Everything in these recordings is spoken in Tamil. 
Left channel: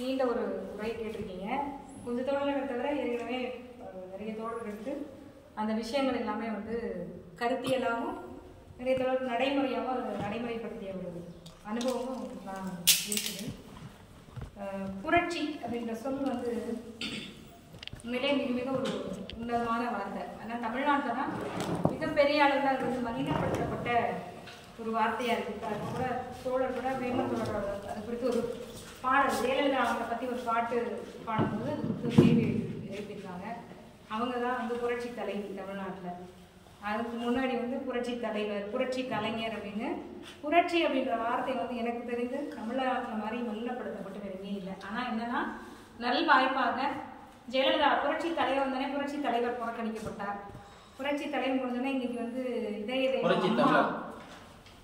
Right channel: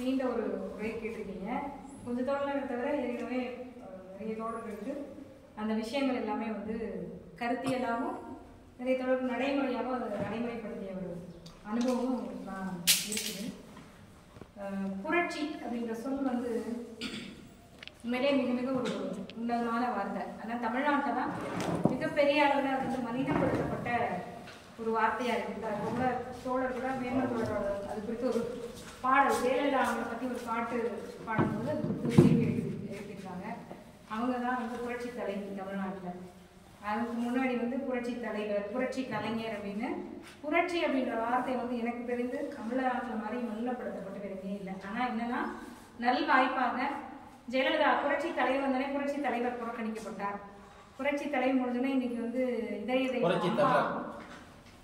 நீண்ட ஒரு உரையை கேட்டிருக்கீங்க. கொஞ்சம் தோழர்கள் தவிர ஏற்கனவே நிறைய தோழர்களுக்கு அந்த விஷயங்கள் எல்லாமே வந்து கருத்தியலாகவும் நிறைய தோழர்கள் நடைமுறையாகவும் நடைமுறைப்படுத்திய ஒரு அனுபவமும் அவங்களுக்குலாம் இருக்குது. புரட்சி அப்படின்ற சொல் வந்து உண்மையிலே மிக மிக ஒரு உன்னதமான வார்த்தை. ஆனால் தமிழ்நாட்டில் தான் மிகப்பெரிய அளவில் அது வந்து மலினப்படுத்தப்பட்ட ஒரு வார்த்தையாக இருக்குது. இப்போ கூட தோழர் கூட வேமன் தோழர் அது குறித்து ஒரு பாடல் ஜெயலலிதா அவங்கள பற்றி ஒரு பாட்டு பாடும்போது அது குறித்து ஒரு கேள்வி எழுப்பியிருக்காங்க. அவங்க தான் வந்து புரட்சி தலைவி தமிழ்நாட்டில். அதுக்கு முன்னாடி வந்து புரட்சி தலைவர், புரட்சி கலைஞர் அப்படின்னு புரட்சி அப்படின்ற வார்த்தை வந்து எனக்கு தெரிந்து தமிழ்நாட்டில் மாதிரி மலினப்படுத்தப்பட்டு வேறு எங்கேயும் இல்லை. ஆனால் என்னன்னா நல் வாய்ப்பாக ஜெயலலிதா புரட்சி தலைவர் வந்தோடனே புரட்சி தலைவர் புறக்கணிக்கப்பட்டார். புரட்சி தலைவர் முடிஞ்சோடனே இன்னைக்கு வந்து இதய தெய்வம் அம்மா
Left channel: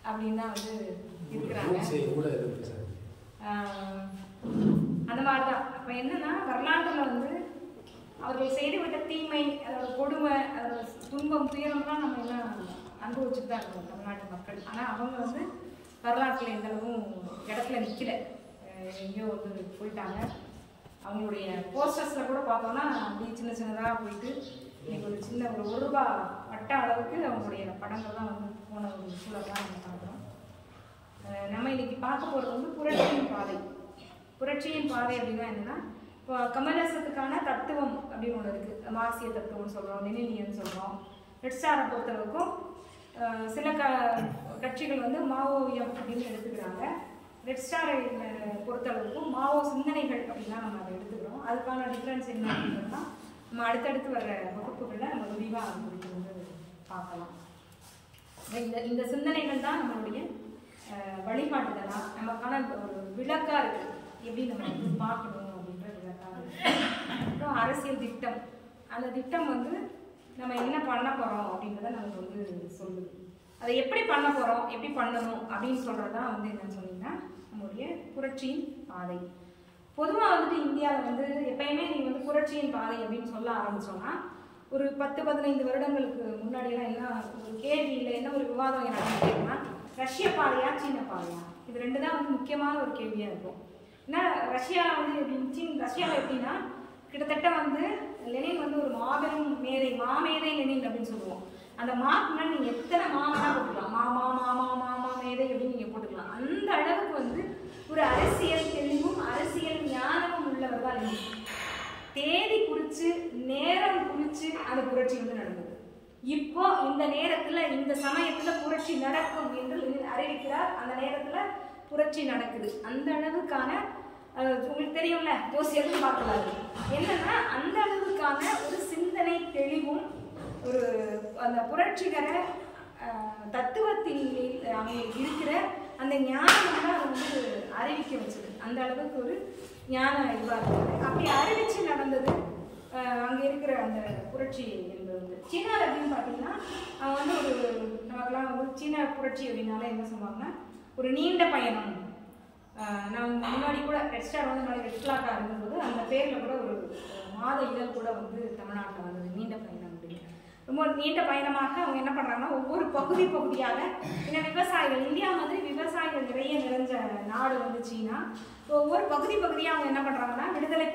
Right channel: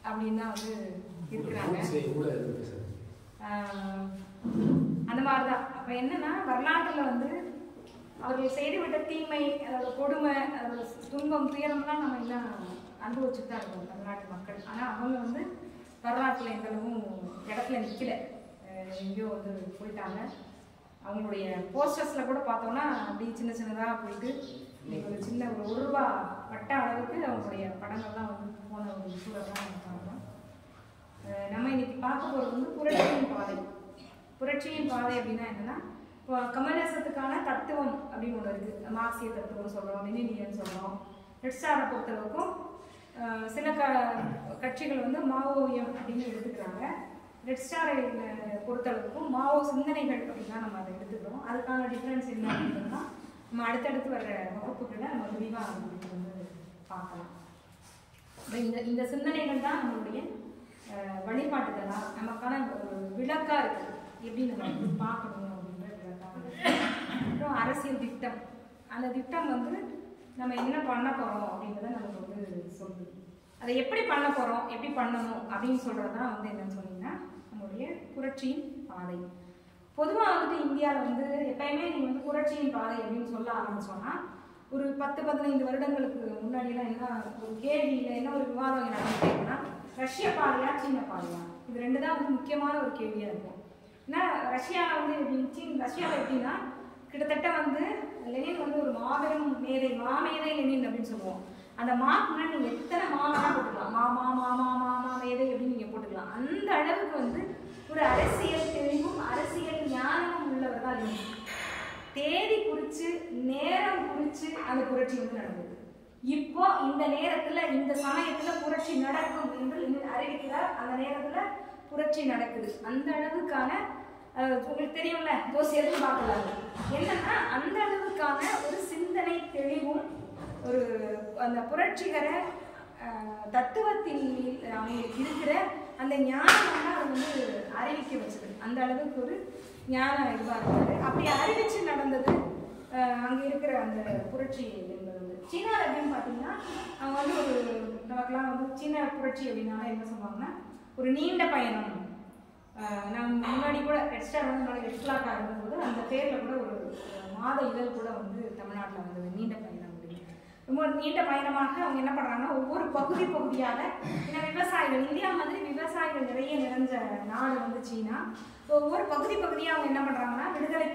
அப்படின்னு தான் வந்து இருக்கிறாங்க. அந்த மாதிரி தான். அப்போ என்னன்னா வரலாற்றில் வந்து அவர்கள் செய்துவிட்ட தீமை, அதோட கொடுமை, அதோட துன்பம், துயரம்லாம் நம்ம எல்லாம் அனுபவிச்சுட்டு தான் இருக்கோம் தமிழ்நாட்டு மக்கள். ஆனால் அவங்க வந்து வரலாற்றில் எந்த அளவும் இடத்துல நிற்கல, எங்கேயோ வந்து போயிட்டாங்க. அவங்களுடைய போஸ்டர்ஸில் கூட பார்த்தோன்னா அப்படி சின்ன சின்னதாக போயிட்டு இன்னைக்கு ஒரு சின்ன ஒரு ₹1 வட்ட அளவுக்கு அவங்களுடைய படங்கள்லாம் வந்து போன ஒரு சூழலாம் நம்ம பார்க்குறோம். நம்ம இன்னைக்கு பார்க்க போகிறது வந்து புரட்சியின் பாதை. புரட்சியின் பாதை அப்படின்னா என்னென்னா, இப்போ கம்யூனிசத்துக்கான தத்துவம் அப்படின்னு ஒன்று இருக்குது. மார்க்சிய தத்துவம்னு சொல்கிறோம், லெனினியன்னு சொல்கிறோம். ரெட் ஸ்டாரை பொறுத்தளவுக்கும் சில கட்சிகள் வந்து மாவோயம் அப்படின்னு எடுத்துக்கிறாங்க. ரெட் ஸ்டாரை பொறுத்தளவுக்கும் மாவோ சிந்தனைகள் அப்படின்னா நம்ம அதை எடுத்துக்கிறோம். அதுக்கான டிஃப்ரென்ஸ் என்ன அப்படின்றதுனா நம்ம அடுத்தடுத்து வர்ற வகுப்புகளில் நம்ம விரிவாக அது குறித்து வந்து பார்க்கலாம். இந்த சிந்தனைகள் தான் நம்மளுடைய வழிகாட்டுதலாக நமக்கான ஒரு விளக்காக இருக்குது. எப்படி நம்ம வந்து பார்க்கணும் அப்படின்ற விளக்காக இருக்குது. அப்புறம் அரசியல் திட்டம், அந்த திட்டம் வந்து நம்ம என்ன பண்ண போகிறோம் அப்படின்றத நமக்கு வந்து சொல்லுது. அதை எப்படி பண்ண போகிறோம், எப்படி பண்ணணும் அப்படின்னு சொல்கிறது தான் வந்து என்னன்னு சொன்னீங்கன்னா நம்மளுடைய புரட்சியின் பாதை. பொதுவாக வந்துட்டு இந்தியாவில் வந்து எப்பயுமே நீங்கள் வந்து புரட்சியின் பாதை அப்படின்னு சொல்ல ஆரம்பித்தோன்னா ஒரு 10-15 வருடங்களுக்கு முன்னாடியெல்லாம் என்ன ஒரு கேள்வி இல்லை, என்ன ஒரு விவாதம் என்ன கேட்குன்னா ரஷ்ய பாதையா சீன பாதையா, இது ரெண்டு தான் வந்து முக்கியமான ஒரு கேள்வியாக இருக்கும். ஏன்னா ரஷ்யாவில் வந்து ரஷ்யாவில் எப்படின்னா கிட்டத்தட்ட வந்து லெனின் வந்து ஒரு மாபெரும் மேதை, மாமேதை லெனின் அப்படின்னு சொல்லுவோம். அந்த மாக்குனா நீங்கள் எத்தனை வேணால் போட்டுக்கலாம், மா மேதை அப்படின்னு நீங்கள் போட்டுக்கலாம். அந்த அளவுக்கு வந்து ஒரு அரசியல் தெளிவும் அரசியல் ஞானமும் உள்ளவர் தான் லெனின். தேதி குறித்து நேரம் குறித்து அந்த புரட்சி வந்து நடந்தது. இப்போ இந்த நேரத்தில் இந்த சமயத்தில் புரட்சி நடக்கும் என்று லெனின் அறிவிக்கிறார். அந்த நேரத்தில் புரட்சி நடக்குது. அந்த அளவுக்கான உங்களுக்கு தெரியும்ல, ஜோசியெல்லாம் பார்க்கலாது என்னன்னா அந்த அளவுக்கான ஒரு சிந்தனை தெளிவும் ஒரு அந்த புரட்சிகர தத்துவத்தில் அவங்களுக்கு இருக்கிற அந்த ஞானம் தான் அதை வந்து அறிவிக்க வச்சது. அந்த அளவுக்கு ஒரு ஞானம் இதுவாக இருக்காது. அப்படி அறிவித்து நடந்தது அங்கே இருக்கிற அந்த புரட்சி என்பது வந்து சீனாவில் எப்படின்னு பார்த்தீங்கன்னா அவங்க வந்து ஒரு நமக்கெல்லாம் வந்து சீன புரட்சி அப்படின்னால என்ன சொல்லுவாங்கன்னா ஒரு நீண்ட பயணம். நான் முன்னாடி கூட ரெட் ஸ்டார் வந்து நாளைக்கு ரெட் ஃப்ளாக்காக இருக்கும்போது அந்த பேரில் கூட ஒரு மாத இதழ் கூட வந்து தமிழ்நாட்டில் வந்தது, நீண்ட பயணம் அப்படின்னு. ரொம்ப நீண்ட பயணமாக அவங்க என்ன பண்ணுறாங்கன்னா ஒவ்வொரு பகுதியாக, ஏன்னா விவசாயிகள் இந்தியா மாதிரி விவசாயிகள் நிறைய நிறைஞ்ச நாடு வந்து சீனா. ஸோ ஒவ்வொரு பகுதியாக அவங்க என்ன பண்ணுறாங்கன்னா விடுதலை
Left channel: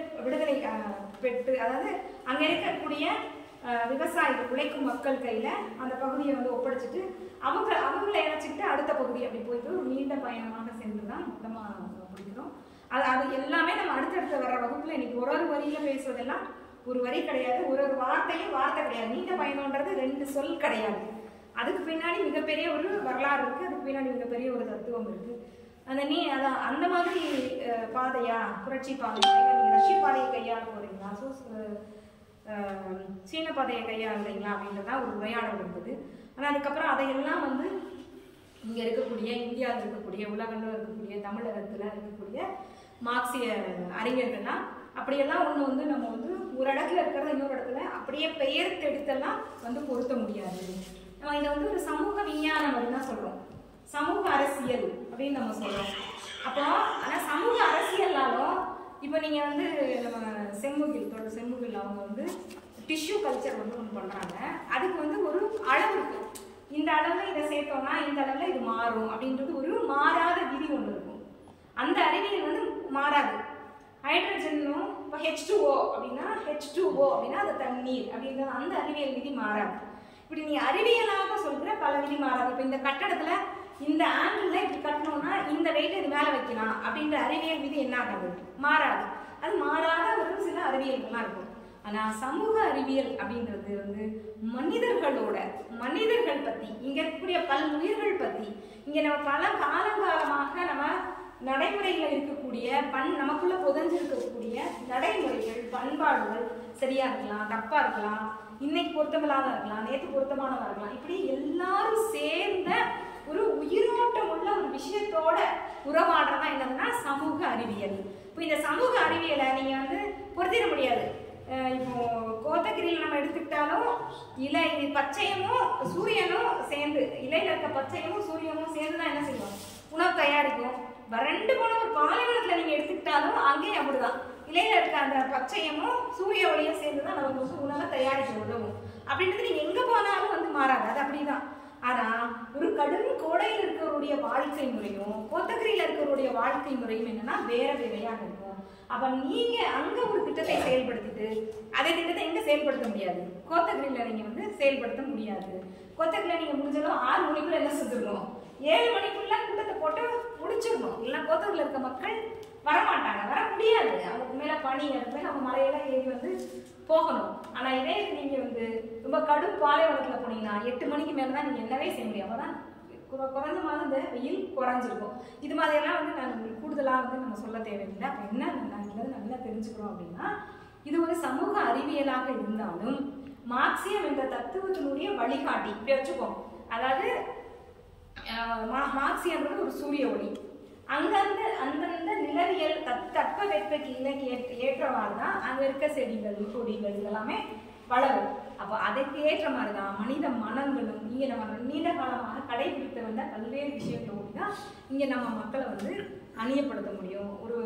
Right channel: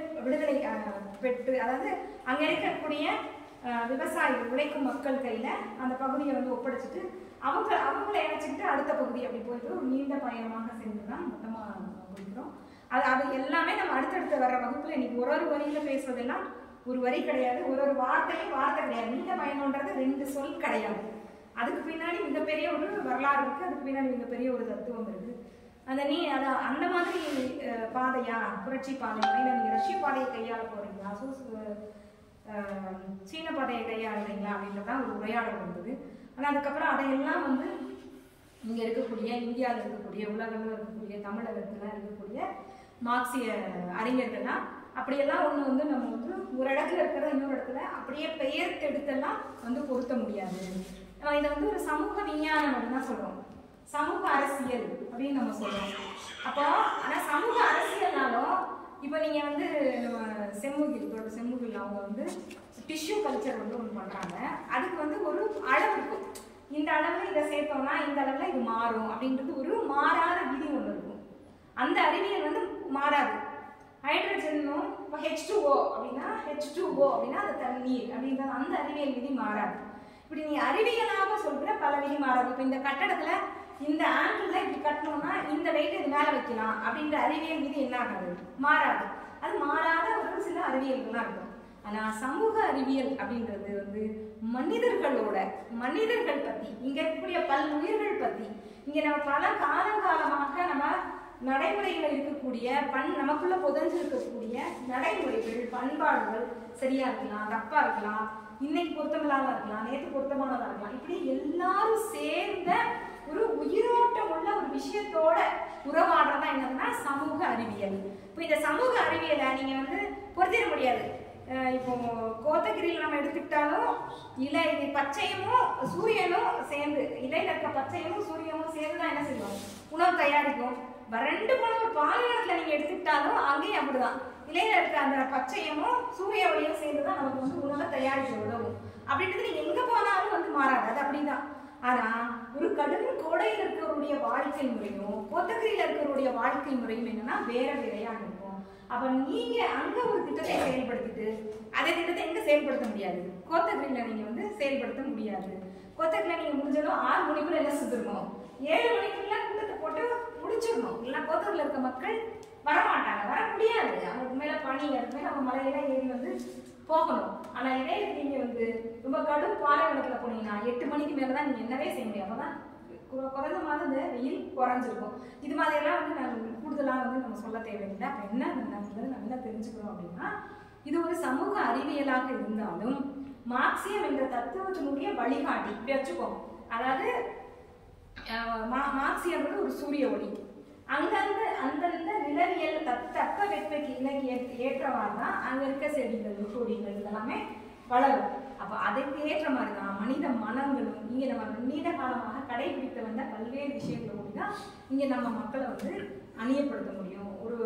பெற்று, அதாவது அங்கே இருக்கக்கூடிய விவசாயிகள் உழைக்கும் மக்கள் கையில் அந்த பகுதியை வந்து ஒப்படைச்சிட்டு அவங்கள இணைச்சிக்கிட்டு அடுத்த பகுதி அப்படி போயிட்டு ஒரு நீண்ட பயணமாக சென்று தான் மொத்தமாக பிடிக்கிறோம். அது எல்லாமே நம்ம அடுத்தடுத்து வர்ற வகுப்பில் இன்னைக்கு ஒரு வரியில் பேசுவதெல்லாம் ஒரு வரி கிடையாது, ஒரு வார்த்தையும் வார்த்தை கிடையாது. நீண்ட பயணம்ன்றது 2 சொல் கிடையாது. அதுக்கு பின்னாடி மிகப்பெரிய ஒரு வரலாறு இருக்குது, அதுக்கு பின்னாடி மிகப்பெரிய ஒரு தத்துவம் இருக்குது. அந்த மாதிரி பாதையா புரட்சி பாதையா, இல்லை நீங்கள் ரஷ்ய பாதையை கையாள போகிறீங்களா, சீன பாதையை கையாளுறீங்களா அப்படின்றதான் ஒரு உரையாடல் இருந்தது. ஆனால் அதுக்கப்புறம் அதையெல்லாம் வந்து இங்கே இருக்கக்கூடிய இந்தியாவில் இருக்கக்கூடிய உலகில் இருக்கக்கூடிய தமிழகத்தில் இருக்கக்கூடிய மார்க்சிய அறிஞர்கள்லாம் அப்படியெல்லாம் ஒன்று வந்து நம்ம வந்து ஒரு இடத்துல இருக்கிறத இன்னொரு இடத்துல அப்படியே பெயர்த்தெடுத்தெல்லாம் வந்து பொருத்த முடியாது. நம்ம இதை வந்து ஒரு சமூக விஞ்ஞானம் அப்படின்னு தான் சொல்கிறோம், சமூக அரசியல் அப்படின்னு நம்ம சொல்கிறோம். அப்போ ஆனால் சமூக அரசியல்னாலும் இப்போ நீங்கள் வந்து நம்ம செம்முகில் அவங்க வந்து டிஷ்யூ கல்ச்சர் வந்து ஒன்று பண்ணுறாங்க. அதுக்கு வந்து ஒரு அளவு இருக்கும், இந்த அளவில் இதை சேர்த்தோம்னா இந்த அளவில் இது மாறும் அப்படின்றது ஒரு மாறாத விதி ஒன்று இருக்கும். அந்த அறிவியல் வந்து மாறாது. ஹைட்ரஜனும் இப்போ H2O அப்படின்னா H2O அப்படின்னா அது தண்ணீர் அப்படின்றது அந்த அறிவியல் விதி மாறாது. இப்படி நீ அறிவியலாக சொல்கிற பல விதி மாறாது. இப்போ இந்த கட்டடத்தில் இந்த ஆங்கிளில் இப்படி கட்டணும்னா இந்த வெயிட்டை இது மேலே வைக்கலாம் அப்படின்ற அறிவியல் விதி என்ன ஆகாது, மாறாது. அது மாறாத ஒரு சில அறிவியல்கள்லாம் இருக்கும். ஆனால் சமூக அறிவியல் அப்படின்றது வந்து மனிதர்கள் பற்றி, இங்கே இருக்கக்கூடிய பல்லுயிர்கள் பற்றி, இங்கே நம்ம பல காலங்காலமாக நம்ம நடைமுறையில் இருக்கக்கூடிய நமக்குள்ள புதஞ்சிருக்கக்கூடிய நடைமுறைகள், பண்பாடுகள் சரியா இருக்கலாம், தப்பா இருக்கலாம், இன்னைக்கு பொருத்தமில்லாத இருக்கலாம், நேற்று பொருத்தமானதாக இருக்கலாம், இப்படி எல்லாரும் சேர்ந்த ஒரு உயிரோட்டம் உள்ள ஒரு விஷயத்தோட உறவாடுறதா என்னதுன்னா சமூக அறிவியல். இப்போ இந்த சமூக அறிவியலை நீங்க வந்து பொருத்திட முடியாது. இப்போ கோத்தகிரியில் நம்ம எடுத்துக்கிட்டாலும் இலை பச்சையமும் சூரியனும் சேர்ந்து, இலையில இருக்க பச்சையமும் சூரியனும் சேர்ந்து தான் என்ன செய்யும், உணவு தயாரிக்கும். வறண்டு போன ஒரு பாலைவனத்தில் நீங்கள் எடுத்துக்கிட்டாலும் அங்கேயும் அப்படிதான், இலையில இருக்க அந்த பச்சையமும் சூரிய ஒளியும் சேர்ந்து தான் நமக்கு வந்து உணவை தயாரிக்க உதவும். அப்படின்றது நீங்கள் எங்கே போனாலும் வந்து மாறாது, அது அப்படிதான். ஆனால் ஒரு கடும் கோடையில் இருக்கிறவருடைய வாழ்க்கை முறையும் கோத்தகிரியில் இருக்கிறவருடைய வாழ்க்கை முறையும் என்னன்னா வேற வேறையாக இருக்கும். அப்போ நீங்கள் அங்கே ஒரு திட்டத்தை செயல்படுத்திட்டு அதே திட்டத்தை எங்கே செயல்படுத்த முடியாது, கோத்தகிரியில் நீங்கள் வந்து செயல்படுத்த முடியாது. கோத்தகிரியில் நீங்கள் முடிஞ்சாலும் 6 மணிக்குள்ள என்ன செஞ்சிடணும், 7 மணிக்குள்ள கூட்டத்தை போட்டு முடிச்சிடணும். இல்லைன்னா கோத்தகிரியில் இருக்க மக்கள் வரமாட்டாங்க, வர முடியாது. அவங்களுக்கு மேலே பனி, அதுக்கு மேலே அவங்க மலையெல்லாம் ஏறி வந்து போகணும். ஆனால் இதே நீங்கள் வந்து ரொம்ப கடும் பாலைவனத்தில் போனீங்கன்னா 8 மணிக்கு மேலே தான் நீங்கள் என்னவே செய்ய முடியும். அப்போ தான் குறைஞ்ச மாதிரி இந்த வெயில் குறைஞ்சிருக்கும். இது மாதிரியெல்லாம் வந்து நாங்கள் கூடுதலாக வந்து நம்ம சொல்ல தேவையில்லை. அப்போ என்ன நம்ம என்ன தெரிஞ்சுக்கிறோம் அப்படின்னா, இது ஒரு சமூக அறிவியலாக இருந்தாலும் மார்க்சியம் என்ற தத்துவத்தினுடைய வழிகாட்டி இப்படி வச்சுக்கோம். அதாவது மார்க்சியம்ன்றது ஒரு சூரிய ஒளி, அந்தந்த நிலவியல் தட்ப வெப்பக்கு இலக்கு ஏற்றவாறு தான் அங்கே இருக்க செடிகள் கொடிகள் இதெல்லாமே வளரும். அப்போ அதுக்கு ஏற்ற மாதிரி தான் மனித மனங்களும் இங்கே நம்ம நீண்ட காலமாக கடைபிடித்து வந்த பல்வேறு விஷயங்களை கூடி தான் இங்கே நம்ம மக்களை வந்து அணியப்படுத்த முடியும். ஒரு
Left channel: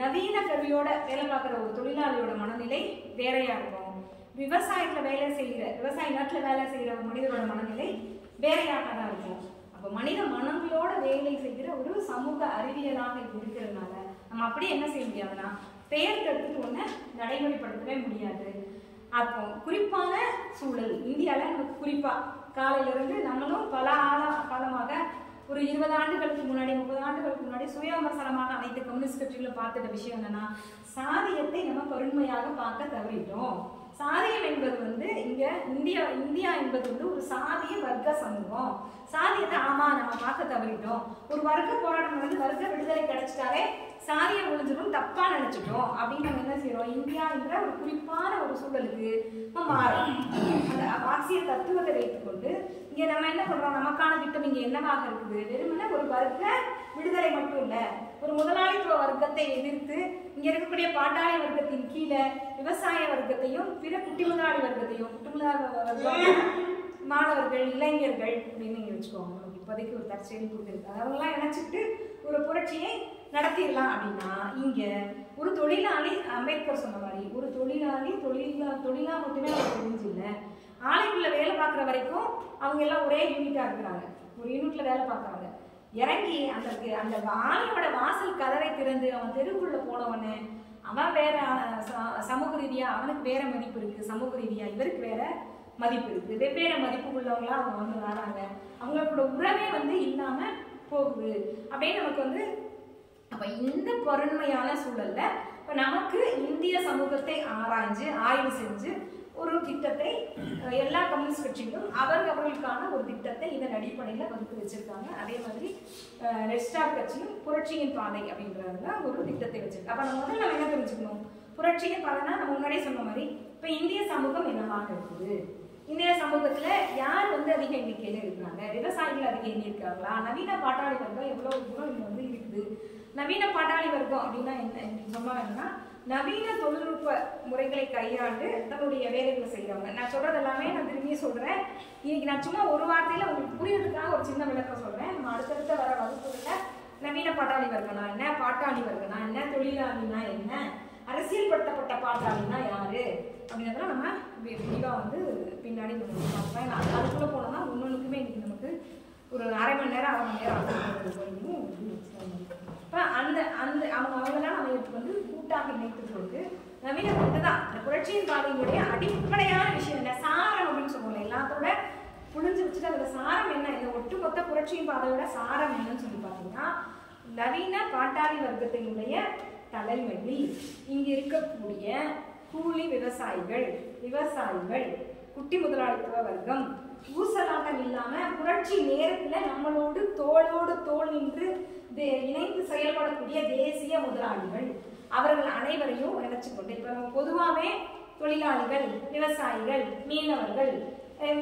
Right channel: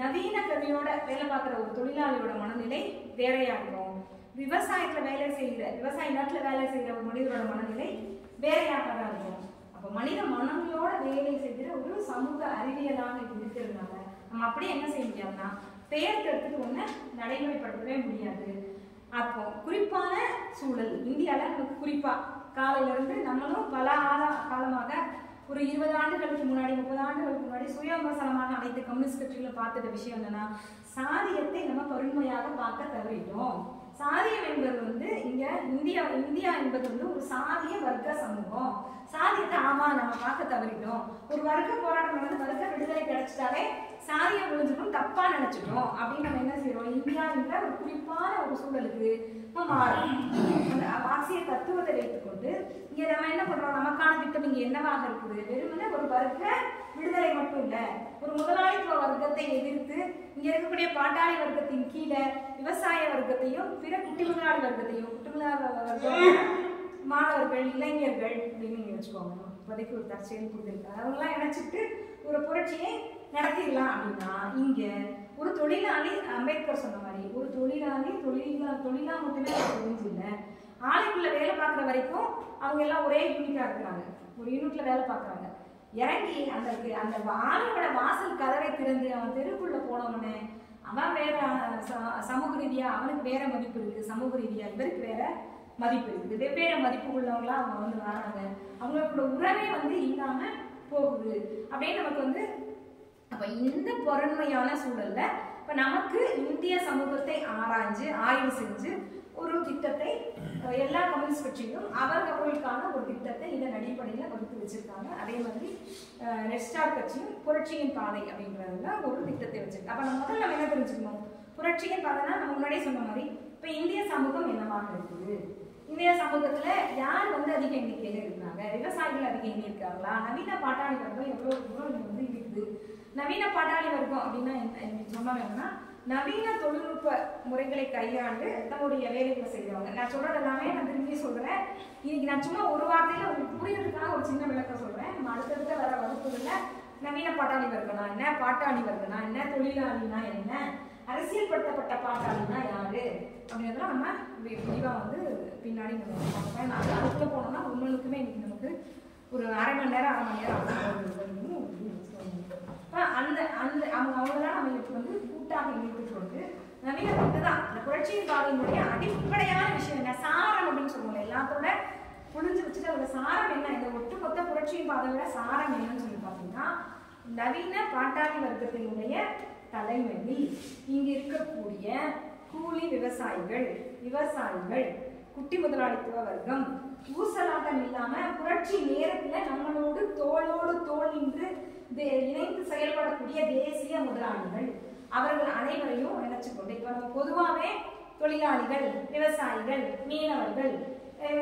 நவீன கல்வியோட வேலை பார்க்குற ஒரு தொழிலாளியோட மனநிலை வேறையாக இருக்கும். விவசாயத்தில் வேலை செய்கிற விவசாய நாட்டில் வேலை செய்கிற ஒரு மனிதரோட மனநிலை வேறையாக தான் இருக்கும். அப்போ மனித மனங்களோட வேலை செய்கிற ஒரு சமூக அறிவியலாக இருக்கிறதுனால நம்ம அப்படியே என்ன செய்ய முடியாதுன்னா பெயர் எடுத்துட்டு ஒன்று நடைமுறைப்படுத்தவே முடியாது. அப்போ குறிப்பான சூழல் இந்தியாவில் நமக்கு குறிப்பாக காலையிலேருந்து நம்மளும் பல காலமாக ஒரு 20 ஆண்டுகளுக்கு முன்னாடி 30 ஆண்டுகளுக்கு முன்னாடி சுய விமர்சனமாக அனைத்து கம்யூனிஸ்ட் கட்சிகளும் பார்த்துட்ட விஷயம் என்னன்னா, சாதியத்தை நம்ம பெருமையாக பார்க்க தவறிட்டோம். சாதியம் என்பது வந்து இங்கே இந்தியா என்பது வந்து ஒரு சாதிய வர்க்க சமூகம். சாதியத்தை நம்ம பார்க்க தவறிட்டோம். ஒரு வர்க்க போராட்டம் நடந்து வர்க்க விடுதலை கிடைச்சிட்டாலே சாதியம் விழுந்துடும் தப்பா நினைச்சிட்டோம் அப்படின்னு நம்ம என்ன செய்யறோம், இந்தியா என்ற ஒரு குறிப்பான ஒரு சூழலுக்கு மாறும். அந்த மார்க்சிய தத்துவத்தை வைத்துக்கொண்டு இங்க நம்ம என்ன பண்றோம், நமக்கான திட்டம் இங்க என்னவாக இருக்குது, வெறுமனே ஒரு வர்க்க விடுதலை மட்டும் இல்ல, ஒரு முதலாளித்துவ வர்க்கத்தை எதிர்த்து இங்க இருக்கக்கூடிய பாட்டாளி வர்க்கத்தின் கீழே விவசாய வர்க்கத்தையும் பிற குட்டி முதலாளி வர்க்கத்தையும், குட்டி முதலாளி வர்க்கம் மாணவர்கள் இளைஞர்கள் அப்படின்னு நீங்க வச்சுக்கோங்க. நமக்கு இப்போதைக்கு ஒரு தற்செயல் புரிதல் அவங்கெல்லாம் இணைச்சிட்டு ஒரு புரட்சியை நடத்திடலாம் அப்படின்னா, இங்க ஒரு தொழிலாளி அம்பேத்கர் சொன்ன மாதிரி ஒரு தொழிலாளி தொழிலா மட்டுமே அவங்க தெரிஞ்சு இல்லை, ஆலைக்குள்ள வேலை பார்க்குற வரைக்கும் அவங்க எல்லாம் ஒரே யூனிட்டா இருக்கிறாங்க, ஒரு யூனிட்ல வேலை பார்க்குறாங்க. இறங்கி அந்த ஆலையோட வாசல் கதவை திறந்து அவன் தெருக்குள்ள போனவனே அவன் வேற சமூக ரீதியா அவனுக்கு வேற மதிப்பு இருக்கு, சமூக ரீதியா இவருக்கு வேற மதிப்பு இருக்கு, வெவ்வேறு மதிப்பு உள்ளவங்களா அவங்க வந்து வராங்க, அவங்களோட உறவே வந்து இல்லாம போகுது அப்படின்னு நமக்கு வந்து. அப்ப இந்த பொருண்மையான சூழல்ல இப்ப நமக்கு இந்திய சமூகத்தை ஆராய்ஞ்சு ஆய்வு செஞ்சு ஒரு திட்டத்தை எல்லா கம்யூனிஸ்ட் கட்சிகளும் அவர்களுக்கான ஒரு திட்டத்தை இதன் அடிப்படையில் வகுத்து வச்சிருக்காங்க. அதே மாதிரி ரெட் ஸ்டார் கட்சியும் புரட்சியின் பாதை அப்படின்றதுல ஒரு திட்டத்தை வச்சிருக்கு. அப்ப நம்ம முதல்ல நம்ம என்ன தெரிஞ்சுக்கணும், புரட்சியின் பாதைனா நம்ம முன்னாடியே சொன்ன மாதிரி இப்ப இந்திய சமூகம் என்னவாக இருக்குது, இந்திய சமூகத்துல யார் வந்து அதிக எண்ணிக்கையில இருக்கிறாங்க, விவசாயிகள் அதிக எண்ணி இருக்காங்களா, நவீன பாட்டாளி வர்க்கம் எவ்வளவு தூரம் இங்க வந்து இருக்குது. நவீன பாட்டாளி வர்க்கம் அப்படின்னா என்ன சொன்னா என்னன்னா, நவீன தொழில்நுட்ப முறைகளை கையாண்டு தன்னுடைய வேலைகளை செய்யறவங்க. நான் சொல்றது எல்லாமே நான் திரும்பியே சொல்றேன். இன்னைக்கு நான் சும்மா ஒரு வார்த்தையில உங்களுக்கு புரியறதுக்காக ஒரு சின்ன விளக்கம் சொல்றேன். நம்ம அடுத்தடுத்த வர வகுப்புகள்ல நவீன பாட்டாளி வர்க்கம்னா என்ன, பாட்டாளி வர்க்கம்னா என்ன, தொழிலாளினா என்ன, அரசியல்படுத்தப்பட்ட பாட்டாளினா யாரு அப்படின்றதெல்லாம் நம்ம விரிவாக வந்து பின்னாடி நம்ம பார்க்கலாம். அதுக்குள்ளே போனோம்னா ஒன்னொன்றுக்குமே இன்னைக்கு நமக்கு ஒரு அரை மணி நேரம் வரையும். இப்போ அவங்களெல்லாம் நம்ம வந்து கூட்டாக இணைத்து கொண்டு நவீன இதுதான் இந்த புரட்சியின் பாதையினுடைய அடிப்படையான விஷயம் என்ன, சாரம் அப்படின்னு சொல்லுவோம்ல, எல்லாத்தோட புழிஞ்சு வச்சுட்டு அதோட சாரம் என்ன, இந்த ஒட்டுமொத்த புரட்சியின் பாதையோட சாரம் என்னன்னு சொல்லி பார்த்தீங்கன்னா, நவீன பாட்டாளி வர்க்கத்தினுடைய தலைமையில் இங்கு இருக்கக்கூடிய கூலி விவசாயிகள், குட்டி முதலாளித்துவ வர்க்கம் ஊசலாட்டம் இல்லாம புரட்சி நேரத்துல நம்மளோடு தோளோடு தோள் நின்று இணைந்து செயல்படக்கூடிய தேசிய முதலாளிகள், அவர்கள் அனைவரையும் நினைச்சுக்கொண்டு இப்ப நம்ம பொதுவாகவே தொழிலாளிகள், விவசாயிகள், மீனவர்கள்,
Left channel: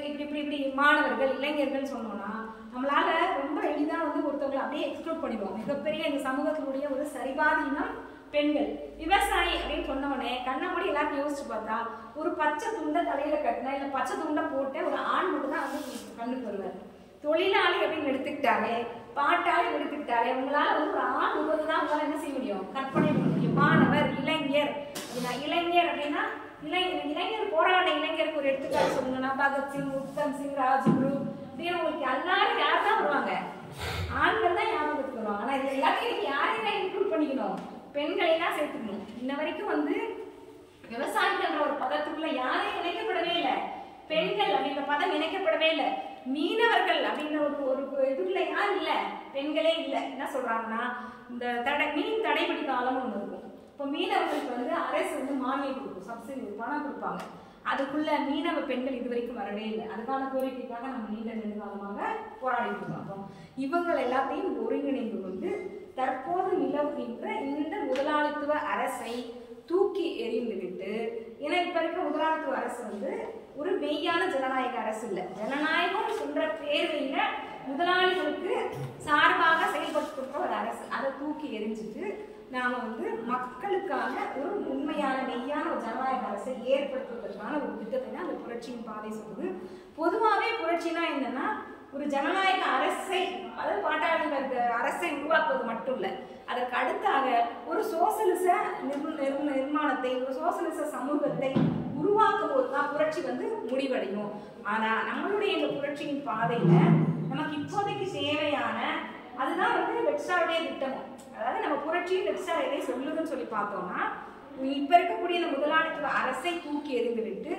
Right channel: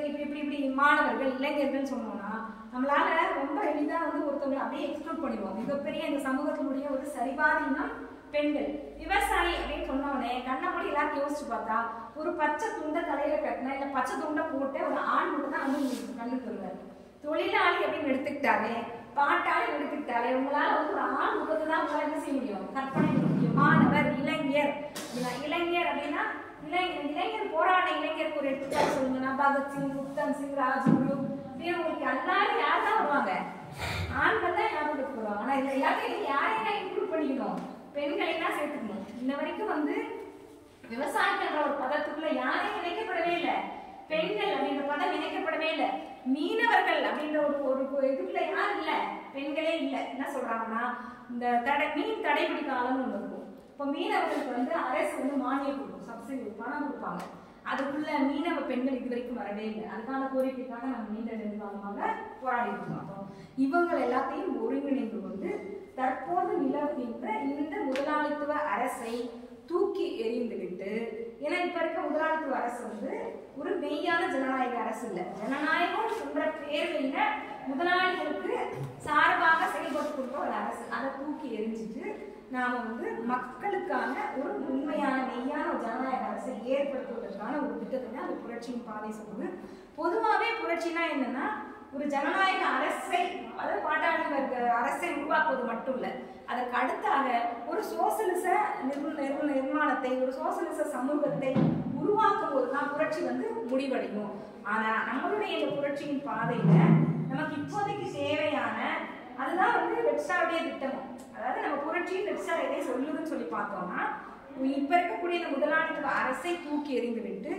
இப்படி மாணவர்கள், இளைஞர்கள் சொன்னோம்னா நம்மளால ரொம்ப எளிதா வந்து ஒருத்தவங்களை அப்படியே எக்ஸ்க்ளூட் பண்ணிடுவோம். மிகப்பெரிய இந்த சமூகத்தினுடைய ஒரு சரிபாதினம் பெண்கள். விவசாயி அப்படின்னு சொன்னோடனே கண்ணை மூடி எல்லாத்தையும் யோசிச்சு பார்த்தா ஒரு பச்சை துண்டை தலையில கட்டினா இல்ல பச்சை துண்டை போட்ட ஒரு ஆண் மட்டும் தான் வந்து கண்ணுக்கு வருவார். தொழிலாளி அப்படின்னு எடுத்துக்கிட்டாலே, பாட்டாளி எடுத்துக்கிட்டாலே உங்களால வந்து ஒரு ஆண் முகத்தை தான் உங்களால என்ன செய்ய முடியும், கற்பனை பண்ண முடியும். மாணவர், இளைஞர் அப்படின்னா, இளைஞர் அப்படின்னா இளைஞர் போராட இளைஞருக்கு ஒரு எடுத்துக்காட்டு சொல்லுங்கன்னா பகத்சிங், உத்தம் சிங், ராஜ்குரு அப்படின்னு உங்களுக்கு எல்லாரும் யார் தான் வருவாங்க, ஆண்கள் தான் ஞாபகத்துக்கு வருவாங்க. ஆனா இதுல எல்லாத்தையும் யாரையும் இன்க்ளூட் பண்ணிக்கணும், பெண்களை தான் சேர்த்துக்கணும். இன்ன வரைக்கும் வந்து விவசாயம்ன்ற ஒரு பதத்துக்குள்ள யாரையும் இணைக்கப்படவே இல்லை, பெண்கள் அப்படின்ற பதம் இணைக்கப்படவே இல்லை. மீனவர்கள் அப்படின்ற ஒரு இதுக்குள்ள யாரும் இல்லை, பெண்களே இல்லை. என்ன சொல்றாங்கன்னா, இந்த மீன் தடைபிடி காலம்னு ஒன்று இருக்கும். இப்போ மீனவர்களுக்கு வந்து அரசு வந்து மானியம் கொடுக்கும், சப்சிடி பணம் கொடுப்பாங்க. அதுக்குள்ள மீனவ பெண்கள் இது வரைக்கும் வரவே இல்லை. அதுக்கான கோரிக்கைக்காக நம்ம நீண்ட நெடுங்காலமாக போராடிட்டு இருக்கோம். இவங்கள் எல்லாத்தையும் ஒருங்கிணைந்து கொண்டு தற்போது நிலவுகின்ற இந்த முதலாளித்துவ அரசை தூக்கி எறிந்துவிட்டு, ஏன்னா இப்ப இருக்க முதலாளித்துவ அரசு வந்து ஒரு மெய்யான ஜனநாயக அரசு இல்லை. ஜனநாயகம் சொல்ற பேர்வையில முதலாளிகளுக்கு சார்பாக செயல்பட்டு கொண்ட ஒரு அரசு. அதை தூக்கி எரிஞ்சிட்டு நாம வந்து மக்களுக்கான ஒரு உண்மையான மெய்யான ஒரு ஜனநாயக அரசை ஏற்படுத்துவதற்கான ஒரு திட்டத்தை தான் அந்த புரட்சியின் பாதை சொல்லுது. பொதுவாகவே புரட்சினா என்னன்னா, ஒரு ஜனநாயக அரசை, அதாவது பாட்டாளி வர்க்க அரசை உருவாக்குவது மட்டும் இல்லை, அதற்கு அடுத்தாக ஒரு சோசலிச நிர்மாணத்தை, ஒரு சோசலிச சமூகத்தை உருவாக்கும் போதுதான் புரட்சி வந்து முடிவடையும். ஆனா நம்மளுடைய இந்த புரட்சியின் பாதையில நமக்கு இப்போதைக்கு தேவையான அதுதான் வந்து வெட்சாவுடைய திட்டம். அதாவது நம்ம புரட்சியின் வெட்சா எதை சொல்லுதுன்னு சொல்லி பார்த்தோம்னா, இப்ப இருக்கக்கூடிய இந்த முதலாளித்துவ அரசை தூக்கி எறிந்து விட்டு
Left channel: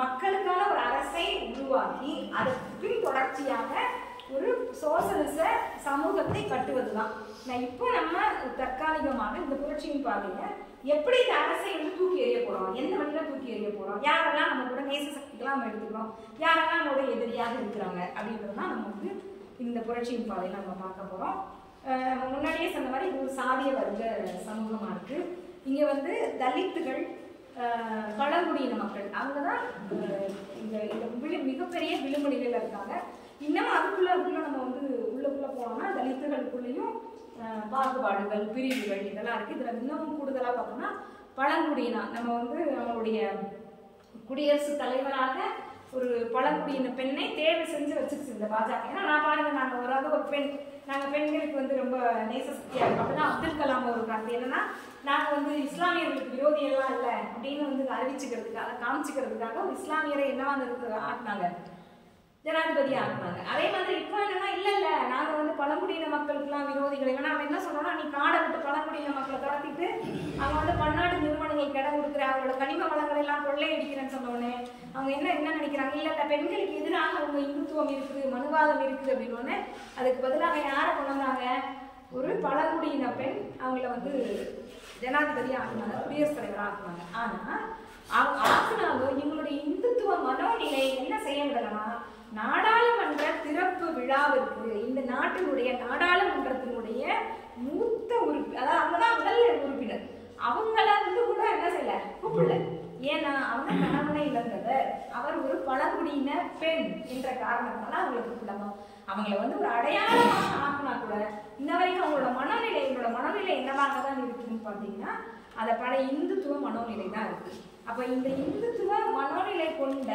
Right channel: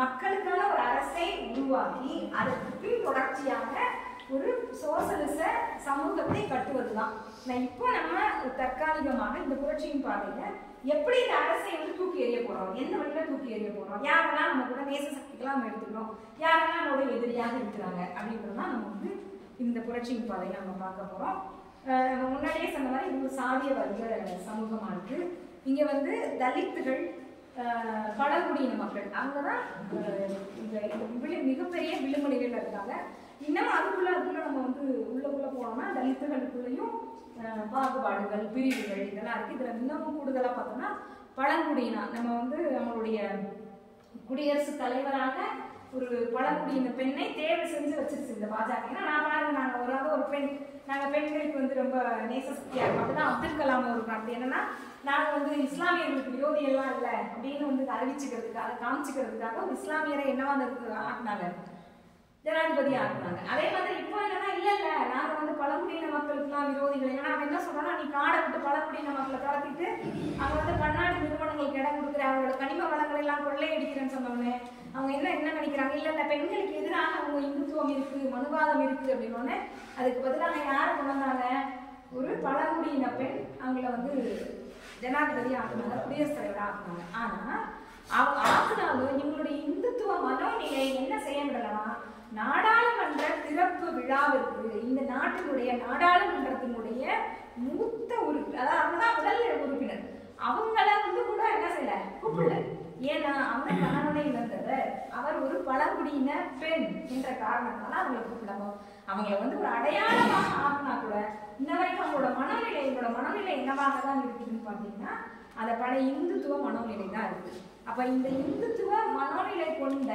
மக்களுக்கான ஒரு அரசை உருவாக்கி அதற்கு பின் தொடர்ச்சியாக ஒரு சோசலிச சமூகத்தை கட்டுவதுதான். நான் இப்போ நம்ம தற்காலிகமாக இந்த புரட்சியின் பாதையில எப்படி இந்த அரசை வந்து தூக்கி எறிய போறோம், எந்த வழியில தூக்கி எறிய போறோம், யாரெல்லாம் நம்ம கூட நேச சக்திகளாக நம்ம எடுத்துக்கிறோம், யாரெல்லாம் நம்மளோட எதிரியாக இருக்கிறாங்க அப்படின்றதான் நம்ம வந்து இந்த புரட்சியின் பாதையில நம்ம பார்க்க போறோம். நம்ம முன்னாடியே சொன்ன மாதிரி இது ஒரு சாதிய வர்க்க சமூகமா இருக்கு. இங்க வந்து தலித்துகள், பழங்குடியின மக்கள், அவங்க தான் இந்த மிகப்பெரிய விளிம்பு நிலையில இருக்காங்க. இன்னும் அதுக்குள்ள நம்ம வந்து உள்ளுக்குள்ள போனோம்னா தலித்துகளுக்குள்ளேயும் பாகுபாடுகள், பிரிவுகள் இதெல்லாம் இருக்கு. இதுல இன்னும் கூடுதலா பார்த்தோம்னா பழங்குடியினா, நம்ம வந்து நம்மளுடைய குடியரசுத் தலைவராக ஒரு பழங்குடியின பெண்ணை தேர்வு செஞ்சு வச்சிருச்சு இந்த பாஜக. ஏன்னா நான் பாருங்க, நாங்கள் ஒரு பெண், நாங்கள் பெண்களுக்கு வந்து ரொம்ப நேசசக்தியாக இருக்கும். அப்படிதான் அப்துல் கலாம் ஒரு காரணம் என்னன்னா, நாங்கள் வந்து இஸ்லாமியர்களுக்கு விரோதியெல்லாம் இல்லை அப்படின்னு வந்து அறிவிச்சுக்கிறதுக்காக, காமிச்சுக்கிறதுக்காக ஒரு இஸ்லாமியரை என்னவா ஆட்டினாங்க, ஜனாதிபதி ஆக்குனாங்க. அதே மாதிரி இப்போ என்னன்னா, இல்லை நாங்கள் வந்து பழங்குடியின மக்களுக்குலாம் விரோதிகள். ஏன்னா நம்ம என்ன சொல்றோம்னா, நீ காடை விட்டு பழங்குடியின மக்களை துரத்திட்டு அவங்க வந்து பன்னாட்டு நிறுவனங்களுக்கு இடம் கொடுக்குற, அவங்களோட கனிம வளங்களை எல்லாம் கொள்ளையடிக்கிறேன்னு சொன்னோடனே அவங்க என்ன நினைக்கிறாங்க, இல்லை பெண்களுக்கு எதிராக அவங்க இந்துத்துவம் இருக்குது, மனுவாதம் இருக்குது அப்படின்னோடனே அதுக்கு பதிலாக யாரை கொண்டு வந்தாங்க, ஒரு பழங்குடியின பெண் அவங்கள வந்து ஜனாதிபதி ஆக்குனாங்க, குடியரசுத் தலைவர் ஆக்குனாங்க. ஆனால் ஆக்குனாலும் எங்களுடைய இந்துத்துவ மனோநிலை என்ன செய்ய விடலாம், நாடாளுமன்ற திறப்பு விழாவிற்கு இந்த நாட்டினுடைய நாடாளுமன்றத்தினுடைய மூத்த உறுப்பினர், அதாவது அவங்கதான் முதல் உறுப்பினர், அவங்கள வந்து கூட என்ன செய்யல, கூப்பிடல. ஏன்னா அவங்க கணவனை இழந்தவர், அவர் ஒரு பழங்குடியின பெண் என்ற காரணத்தினால அவங்களை கூப்பிடலாம். அவங்கள வந்து ஒரு அடையாளமாக ஆக்குனா கூட இன்ன வரைக்கும் அவங்களோட மனநிலை என்னவாக தான் இருக்குதுன்னு பார்த்தீங்கன்னா, அதை பழைய இந்துத்துவ மனோநிலை தான் இருக்கு. அப்ப இந்த இந்துத்துவ மனோநிலை கொண்ட